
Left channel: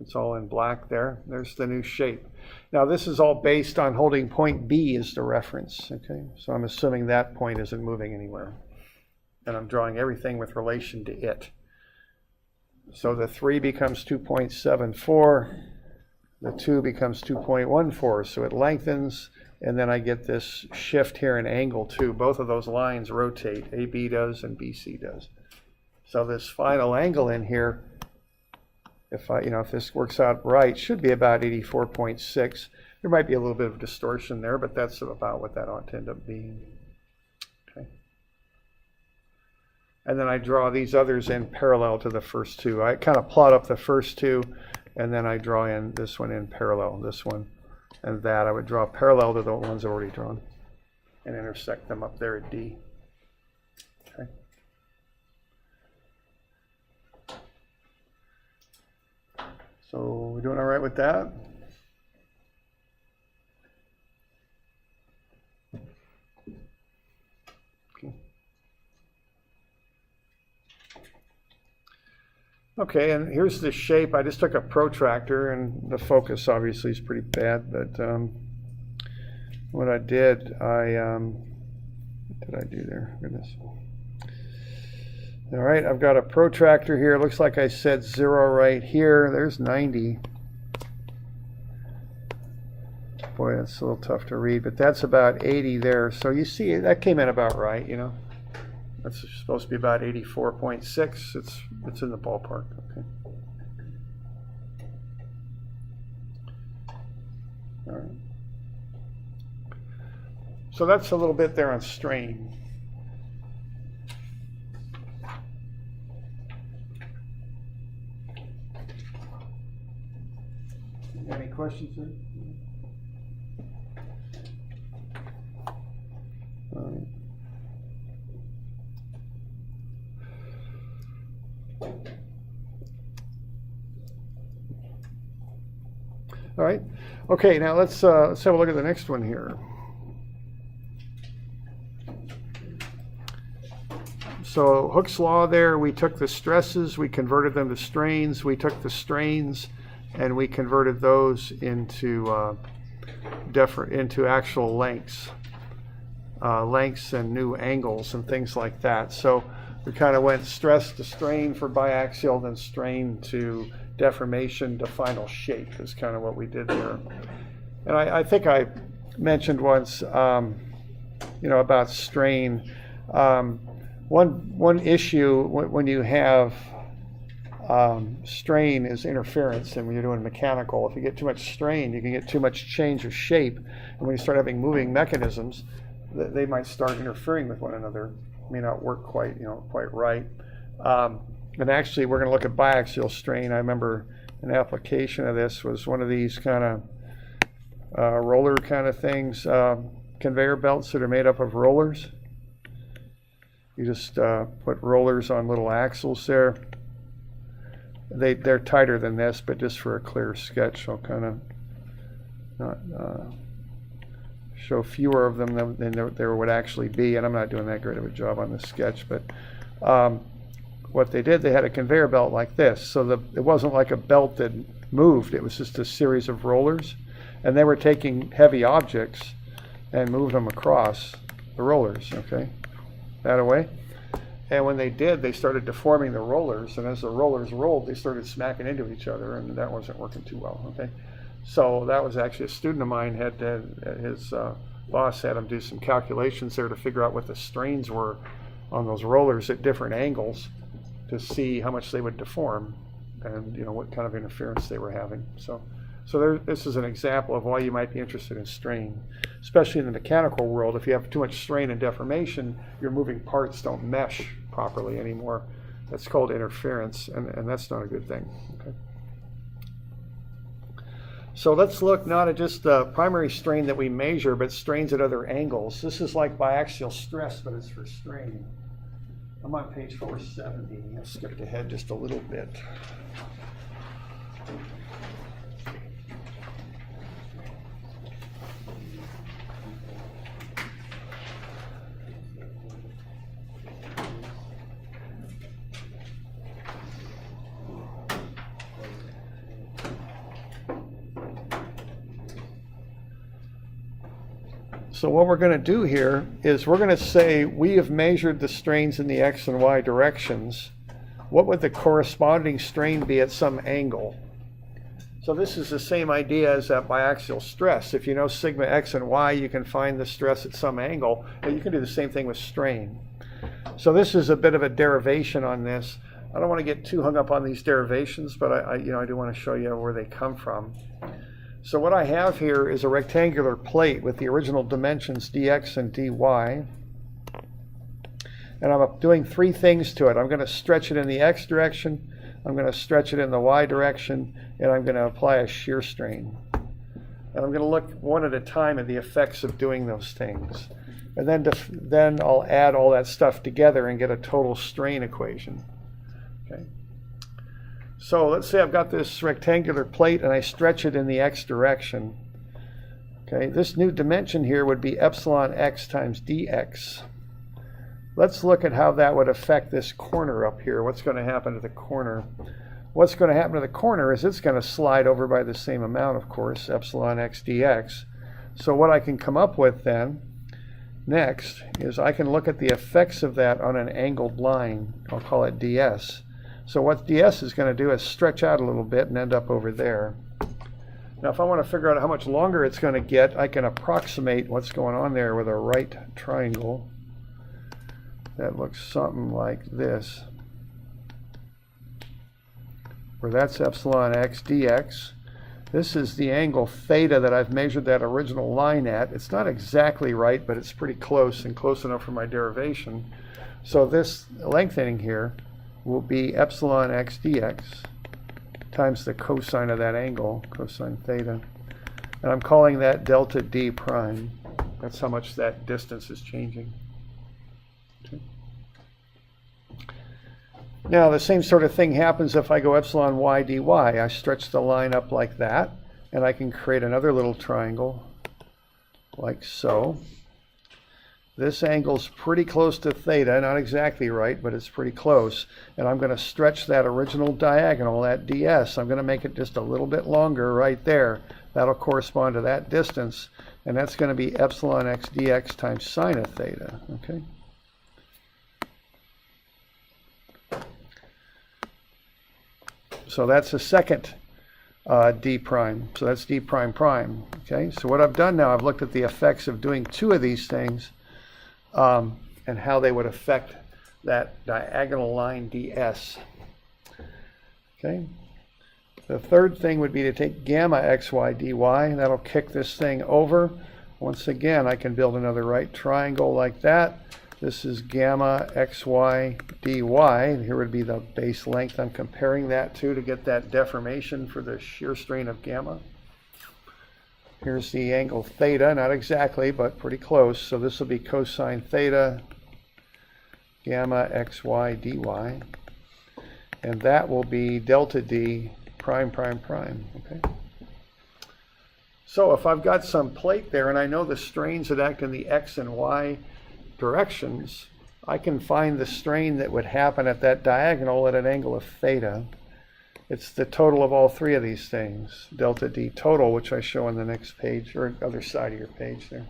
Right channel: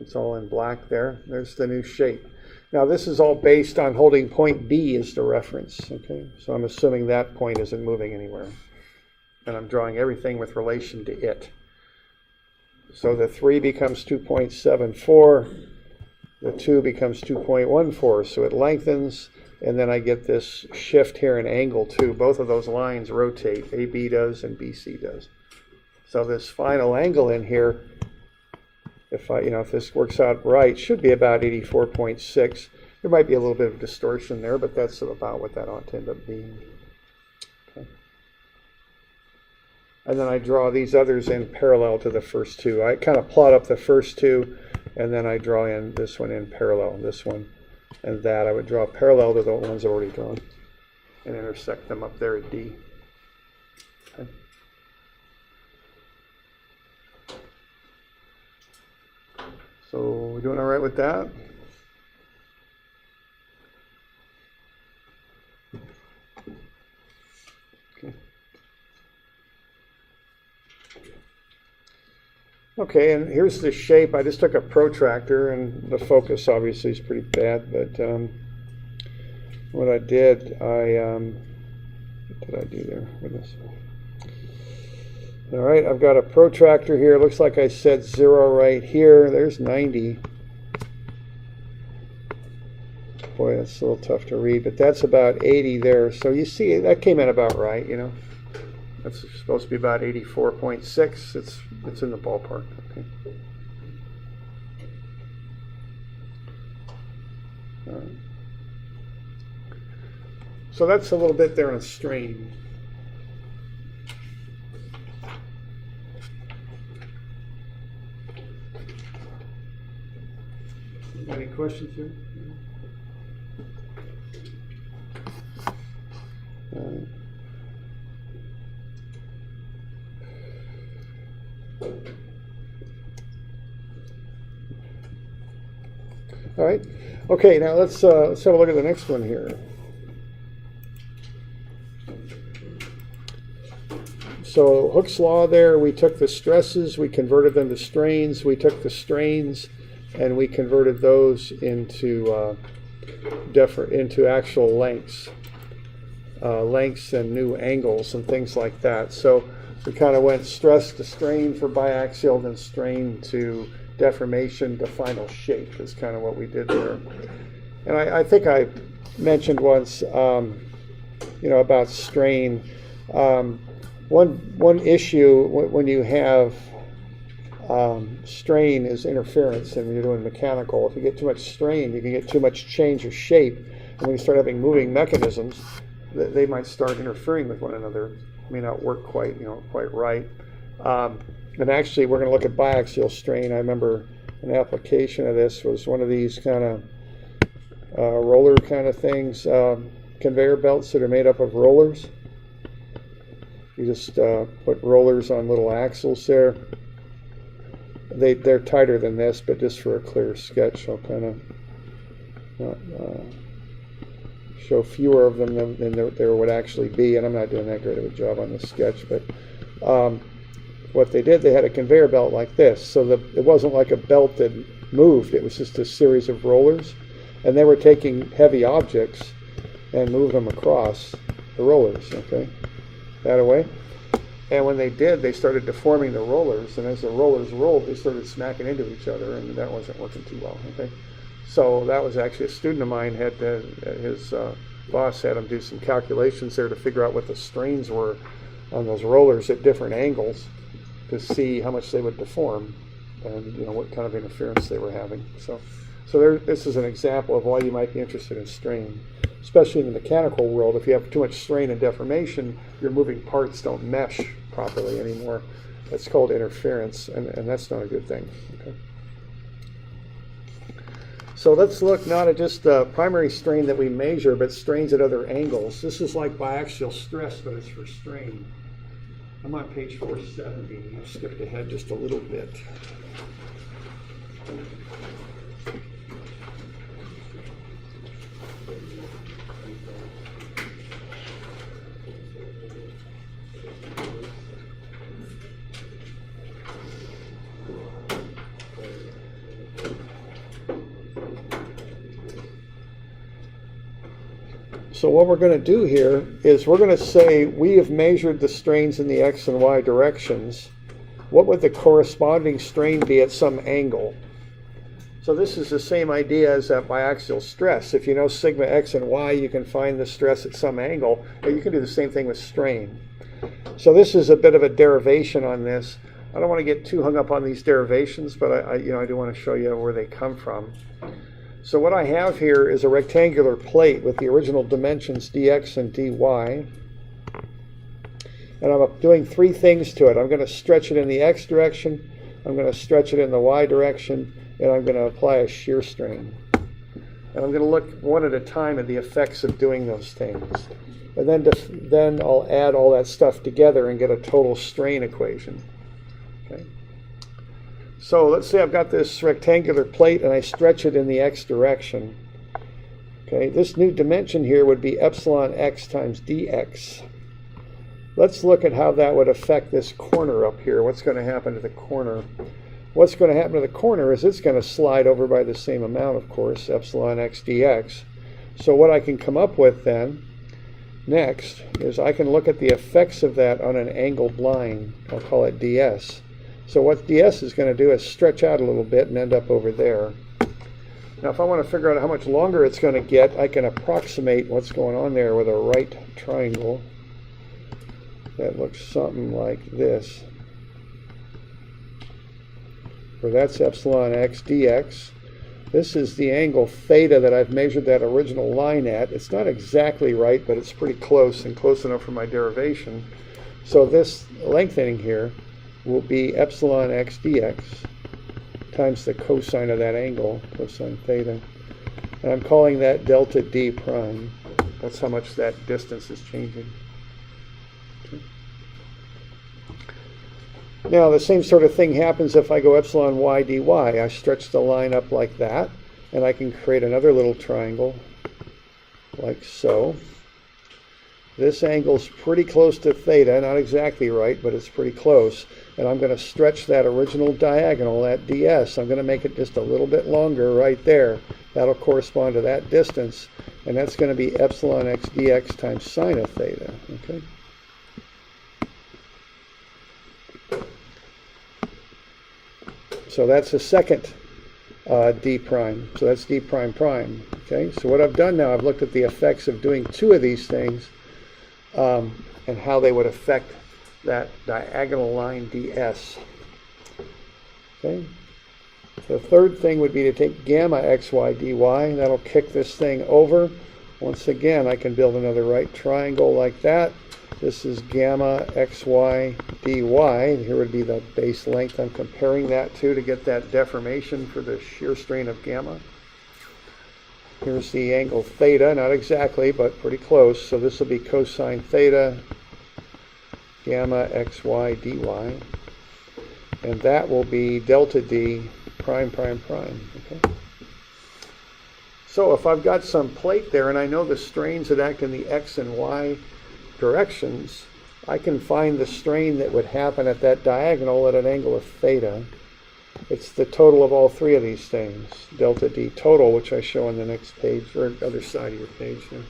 It's all in black there. There's the new shape. Now this is all based on holding point B as the reference. Okay, so I'm assuming that point isn't moving anywhere. And I'm drawing everything with relation to it. So the 3 becomes 2.74. The 2 becomes 2.14, so it lengthens, and then I get this shift here in angle too. Both of those lines rotate, AB does and BC does. So this final angle in here, if this works out right, should be about 84.6. There might be a little bit of distortion there, but that's about what that ought to end up being. Okay. And then I draw these others in parallel to the first two. I kind of plot up the first two, and then I draw in this one in parallel, this one and that. I would draw parallel to the ones already drawn and intersect them up there at D. Okay. So we're doing all right with that? Okay. Okay, and here's the shape. I just took a protractor, and the focus obviously is pretty bad, but what I did, what did I do there? Goodness. All right, I've got a protractor here. Looks like I said 0 right here. There's 90. Boy, that's a little tough to read, but that's about 80 there. So you see, that came in about right, you know. That's supposed to be about 84.6. It's in the ballpark. Okay. All right. So that's a little bit there on strain. Any questions here? All right. All right. Okay, now let's have a look at the next one here. So Hooke's law there, we took the stresses, we converted them to strains. We took the strains and we converted those into actual lengths and new angles and things like that. So we kind of went stress to strain for biaxial, then strain to deformation to final shape is kind of what we did there. And I think I mentioned once, about strain. One issue when you have strain is interference, and when you're doing mechanical, if you get too much strain, you can get too much change of shape, and when you start having moving mechanisms, they might start interfering with one another. It may not work quite right. And actually, we're going to look at biaxial strain. I remember an application of this was one of these kind of roller kind of things, conveyor belts that are made up of rollers. You just put rollers on little axles there. They're tighter than this, but just for a clear sketch, I'll kind of not show fewer of them than there would actually be, and I'm not doing that great of a job on this sketch, but what they did, they had a conveyor belt like this, so it wasn't like a belt that moved, it was just a series of rollers, and they were taking heavy objects and moving them across the rollers, okay, that away. And when they did, they started deforming the rollers, and as the rollers rolled, they started smacking into each other, and that wasn't working too well, okay. So that was actually a student of mine his boss had him do some calculations there to figure out what the strains were on those rollers at different angles to see how much they would deform and what kind of interference they were having. So this is an example of why you might be interested in strain, especially in the mechanical world. If you have too much strain and deformation, your moving parts don't mesh properly anymore. That's called interference, and that's not a good thing. Okay. So let's look not at just the primary strain that we measure, but strains at other angles. This is like biaxial stress, but it's for strain. I'm on page 470. I've skipped ahead just a little bit. So what we're going to do here is we're going to say we have measured the strains in the x and y directions. What would the corresponding strain be at some angle? So this is the same idea as that biaxial stress. If you know sigma x and y, you can find the stress at some angle, but you can do the same thing with strain. So this is a bit of a derivation on this. I don't want to get too hung up on these derivations, but I do want to show you where they come from. So what I have here is a rectangular plate with the original dimensions dx and dy. And I'm doing three things to it. I'm going to stretch it in the x direction, I'm going to stretch it in the y direction, and I'm going to apply a shear strain. And I'm going to look one at a time at the effects of doing those things. And then I'll add all that stuff together and get a total strain equation. Okay. So let's say I've got this rectangular plate and I stretch it in the x direction. Okay, this new dimension here would be epsilon x times dx. Let's look at how that would affect this corner up here. What's going to happen to the corner? What's going to happen to the corner is it's going to slide over by the same amount, of course, epsilon x dx. So what I can come up with then next is I can look at the effects of that on an angled line. I'll call it ds. So what ds is going to do is stretch out a little bit and end up over there. Now if I want to figure out how much longer it's going to get, I can approximate what's going on there with a right triangle that looks something like this, where that's epsilon x dx. This is the angle theta that I've measured that original line at. It's not exactly right, but it's pretty close and close enough for my derivation. So this lengthening here will be epsilon x dx times the cosine of that angle, cosine theta. And I'm calling that delta d prime. That's how much that distance is changing. Okay. Now the same sort of thing happens if I go epsilon y dy. I stretch the line up like that, and I can create another little triangle like so. This angle's pretty close to theta, not exactly right, but it's pretty close. And I'm going to stretch that original diagonal, that ds. I'm going to make it just a little bit longer right there. That'll correspond to that distance, and that's going to be epsilon x dx times sine of theta. Okay. So that's the second d prime. So that's d prime prime. Okay. So what I've done now, I've looked at the effects of doing two of these things. And how they would affect that diagonal line ds. Okay. The third thing would be to take gamma xy dy. That'll kick this thing over. Once again, I can build another right triangle like that. This is gamma xy dy. Here would be the base length I'm comparing that to get that deformation for the shear strain of gamma. Here's the angle theta, not exactly, but pretty close. So this will be cosine theta, gamma xy dy. And that will be delta d prime prime prime. Okay. So if I've got some plate there and I know the strains that act in the X and Y directions, I can find the strain that would happen at that diagonal at an angle of theta. It's the total of all three of these things, delta D total, which I show on the next page, or other side of your page there.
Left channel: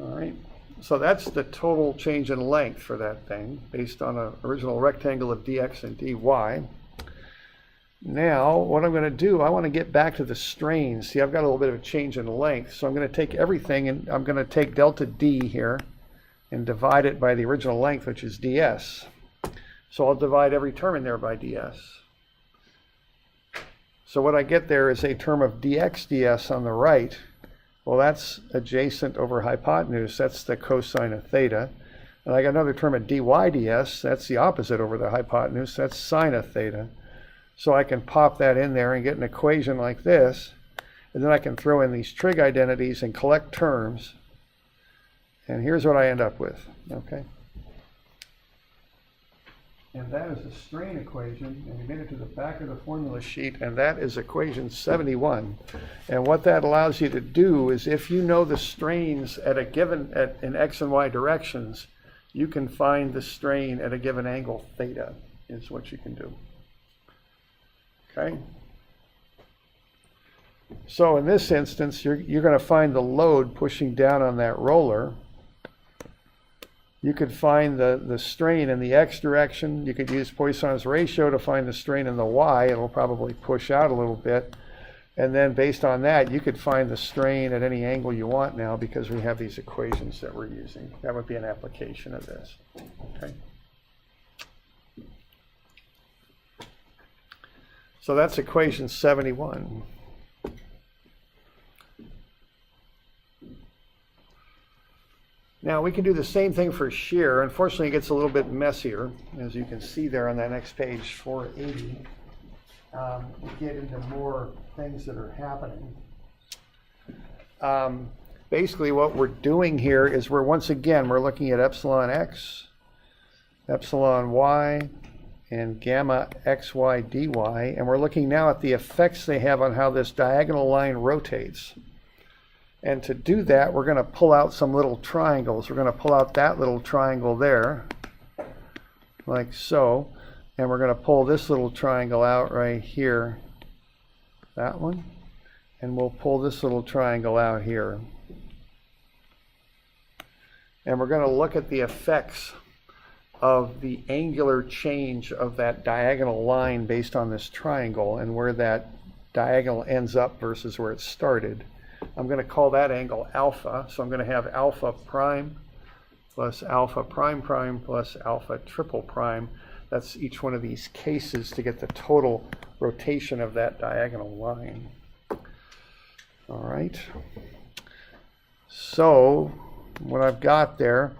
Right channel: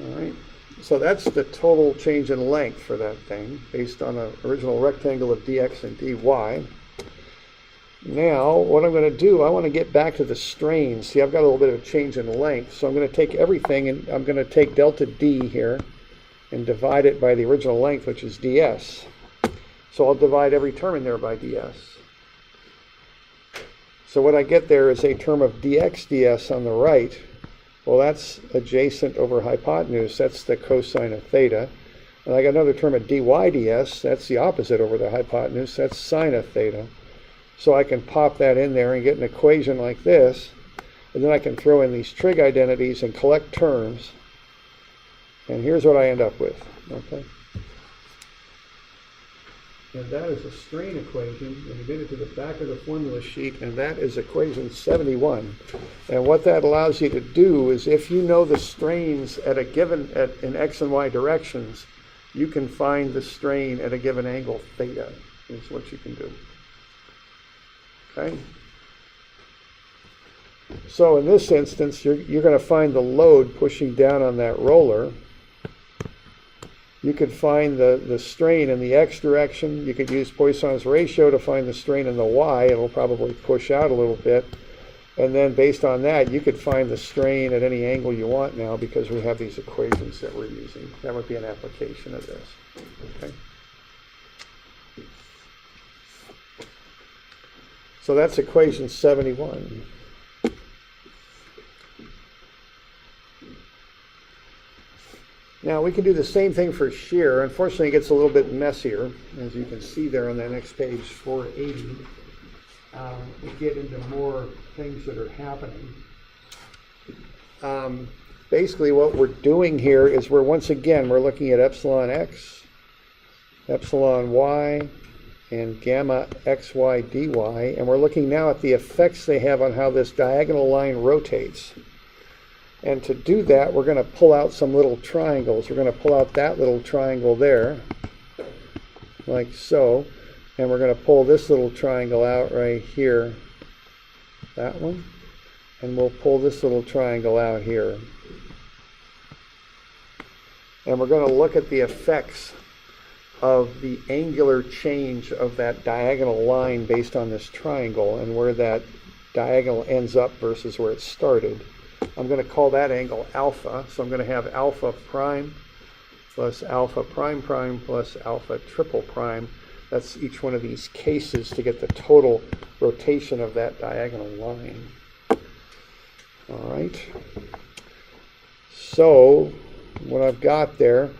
All right, so that's the total change in length for that thing, based on an original rectangle of dx and dy. Now, what I'm going to do, I want to get back to the strain. See, I've got a little bit of a change in length, so I'm going to take everything, and I'm going to take delta D here, and divide it by the original length, which is ds. So I'll divide every term in there by ds. So what I get there is a term of dx ds on the right. Well, that's adjacent over hypotenuse. That's the cosine of theta. And I got another term of dy ds. That's the opposite over the hypotenuse. That's sine of theta. So I can pop that in there and get an equation like this. And then I can throw in these trig identities and collect terms. And here's what I end up with. Okay. And that is a strain equation, and you get it to the back of the formula sheet, and that is equation 71. And what that allows you to do is, if you know the strains at a given, in x and y directions, you can find the strain at a given angle theta, is what you can do. Okay? So in this instance, you're going to find the load pushing down on that roller. You could find the strain in the x direction. You could use Poisson's ratio to find the strain in the y. It'll probably push out a little bit. And then based on that, you could find the strain at any angle you want now, because we have these equations that we're using. That would be an application of this. Okay. So that's equation 71. Now we can do the same thing for shear. Unfortunately, it gets a little bit messier, as you can see there on that next page, 480. We get into more things that are happening. Basically, what we're doing here is we're looking at epsilon x, epsilon y, and gamma xy dy, and we're looking now at the effects they have on how this diagonal line rotates. And to do that, we're going to pull out some little triangles. We're going to pull out that little triangle there, like so. And we're going to pull this little triangle out right here, that one. And we'll pull this little triangle out here. And we're going to look at the effects of the angular change of that diagonal line based on this triangle, and where that diagonal ends up versus where it started. I'm going to call that angle alpha, so I'm going to have alpha prime plus alpha prime prime plus alpha triple prime. That's each one of these cases to get the total rotation of that diagonal line. All right. So what I've got there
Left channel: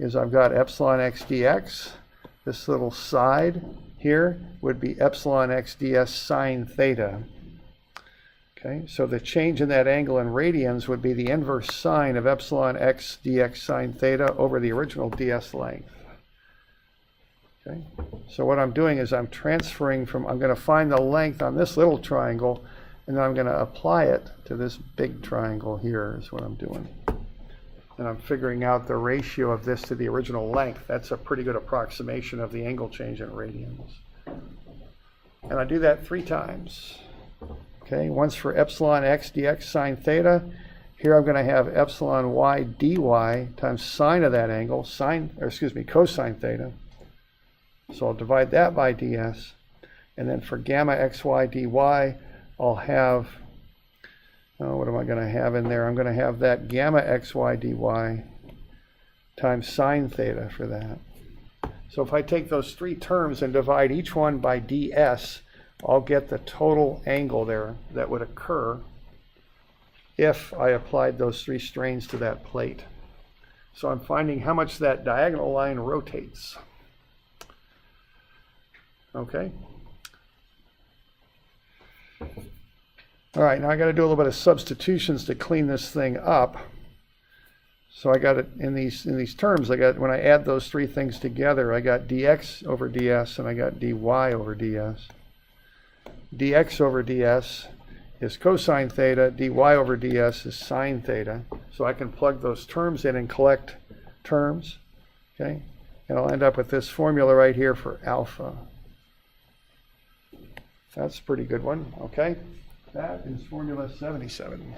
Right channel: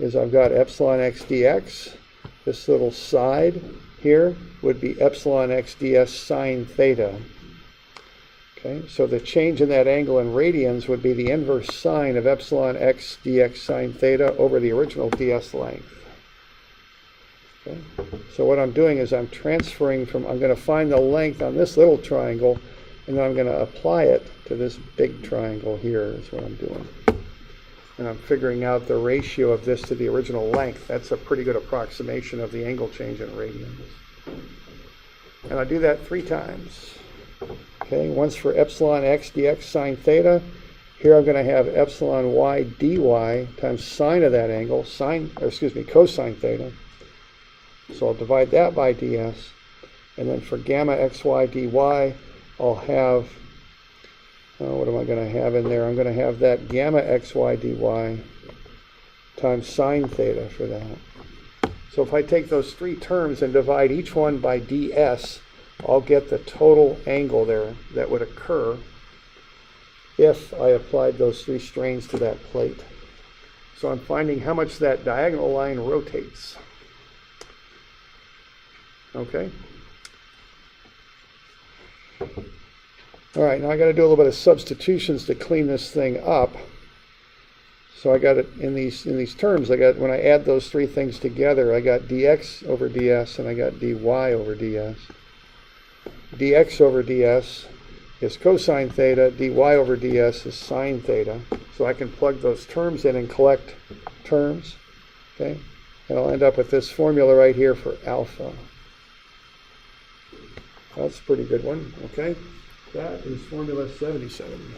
is I've got epsilon x dx. This little side here would be epsilon x ds sine theta. Okay, so the change in that angle in radians would be the inverse sine of epsilon x dx sine theta over the original ds length. Okay, so what I'm doing is I'm transferring from, I'm going to find the length on this little triangle, and then I'm going to apply it to this big triangle here, is what I'm doing. And I'm figuring out the ratio of this to the original length. That's a pretty good approximation of the angle change in radians. And I do that 3 times. Okay, once for epsilon x dx sine theta. Here I'm going to have epsilon y dy times sine of that angle, cosine theta. So I'll divide that by ds. And then for gamma xy dy, I'll have, what am I going to have in there? I'm going to have that gamma xy dy times sine theta for that. So if I take those 3 terms and divide each one by ds, I'll get the total angle there that would occur if I applied those 3 strains to that plate. So I'm finding how much that diagonal line rotates. Okay. All right, now I got to do a little bit of substitutions to clean this thing up. So I got it in these terms. I got, when I add those 3 things together, I got dx over ds and I got dy over ds. Dx over ds is cosine theta, dy over ds is sine theta. So I can plug those terms in and collect terms, okay? And I'll end up with this formula right here for alpha. That's a pretty good one, okay? That is formula 77.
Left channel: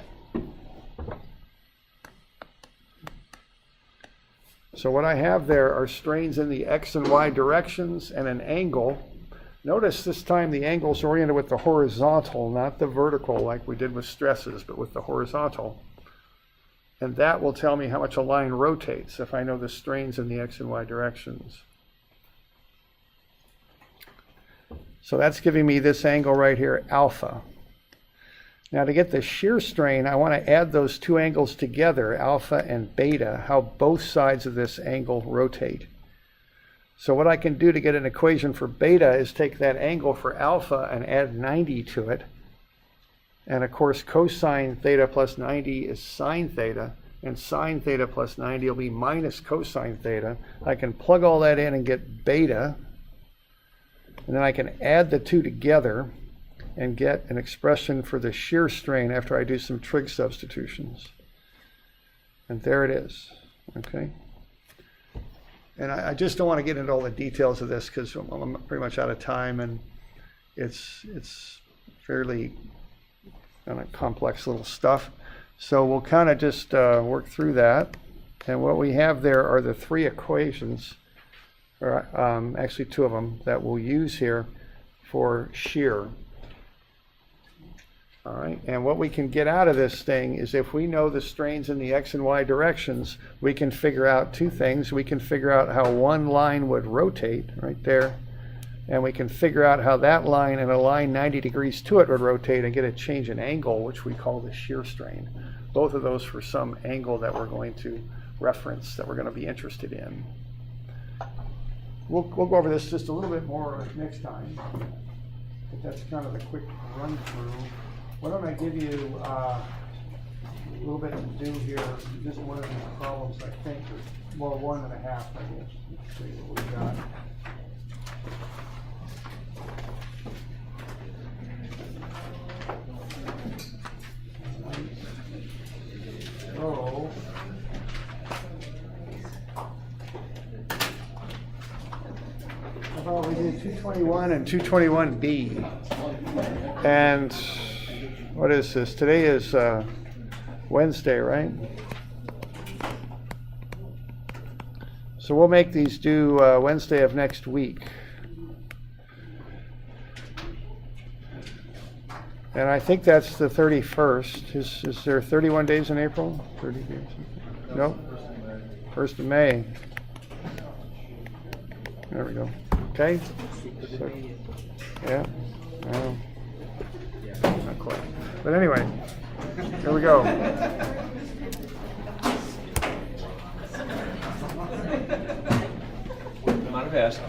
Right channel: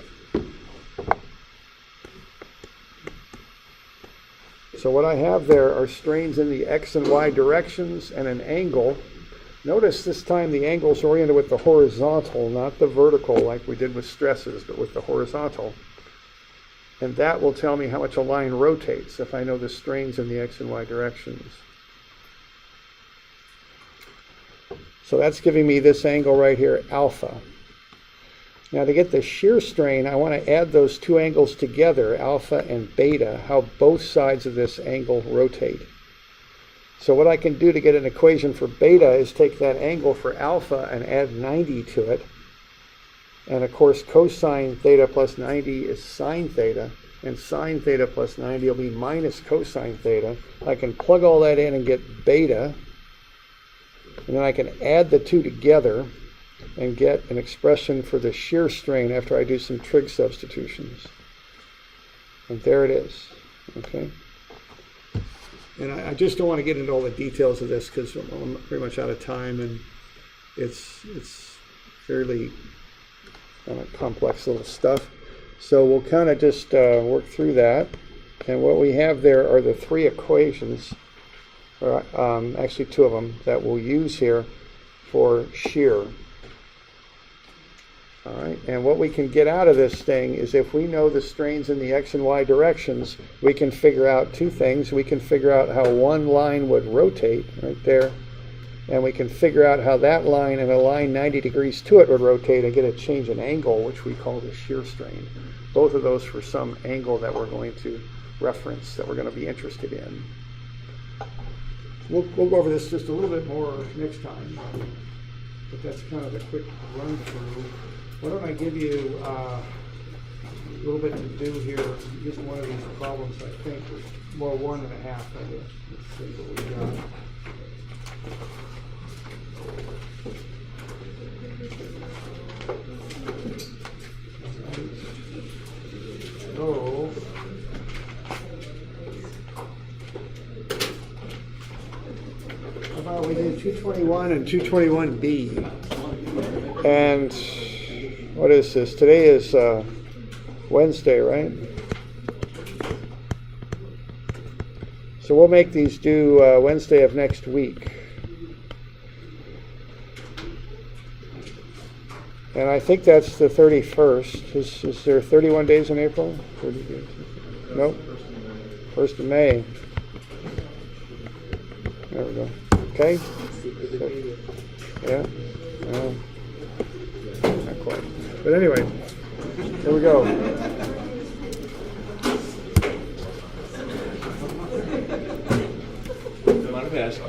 So what I have there are strains in the x and y directions and an angle. Notice this time the angle is oriented with the horizontal, not the vertical like we did with stresses, but with the horizontal. And that will tell me how much a line rotates if I know the strains in the x and y directions. So that's giving me this angle right here, alpha. Now to get the shear strain, I want to add those two angles together, alpha and beta, how both sides of this angle rotate. So what I can do to get an equation for beta is take that angle for alpha and add 90 to it. And of course, cosine theta plus 90 is sine theta, and sine theta plus 90 will be minus cosine theta. I can plug all that in and get beta, and then I can add the two together and get an expression for the shear strain after I do some trig substitutions. And there it is, okay? And I just don't want to get into all the details of this because I'm pretty much out of time, and it's fairly complex little stuff. So we'll kind of just work through that. And what we have there are the three equations, or actually two of them, that we'll use here for shear. All right, and what we can get out of this thing is if we know the strains in the x and y directions, we can figure out two things. We can figure out how one line would rotate right there, and we can figure out how that line and a line 90 degrees to it would rotate and get a change in angle, which we call the shear strain. Both of those for some angle that we're going to reference, that we're going to be interested in. We'll go over this just a little bit more next time, but that's kind of a quick run through. Why don't I give you a little bit to do here, just one of these problems, I think, well, 1.5, I guess. Let's see what we got. So, how about we do 221 and 221B? And what is this? Today is Wednesday, right? So we'll make these due Wednesday of next week. And I think that's the 31st. Is there 31 days in April? 30 days? Nope. 1st of May. There we go. Okay? So, yeah. Not quite. But anyway, here we go. Don't mind if I ask.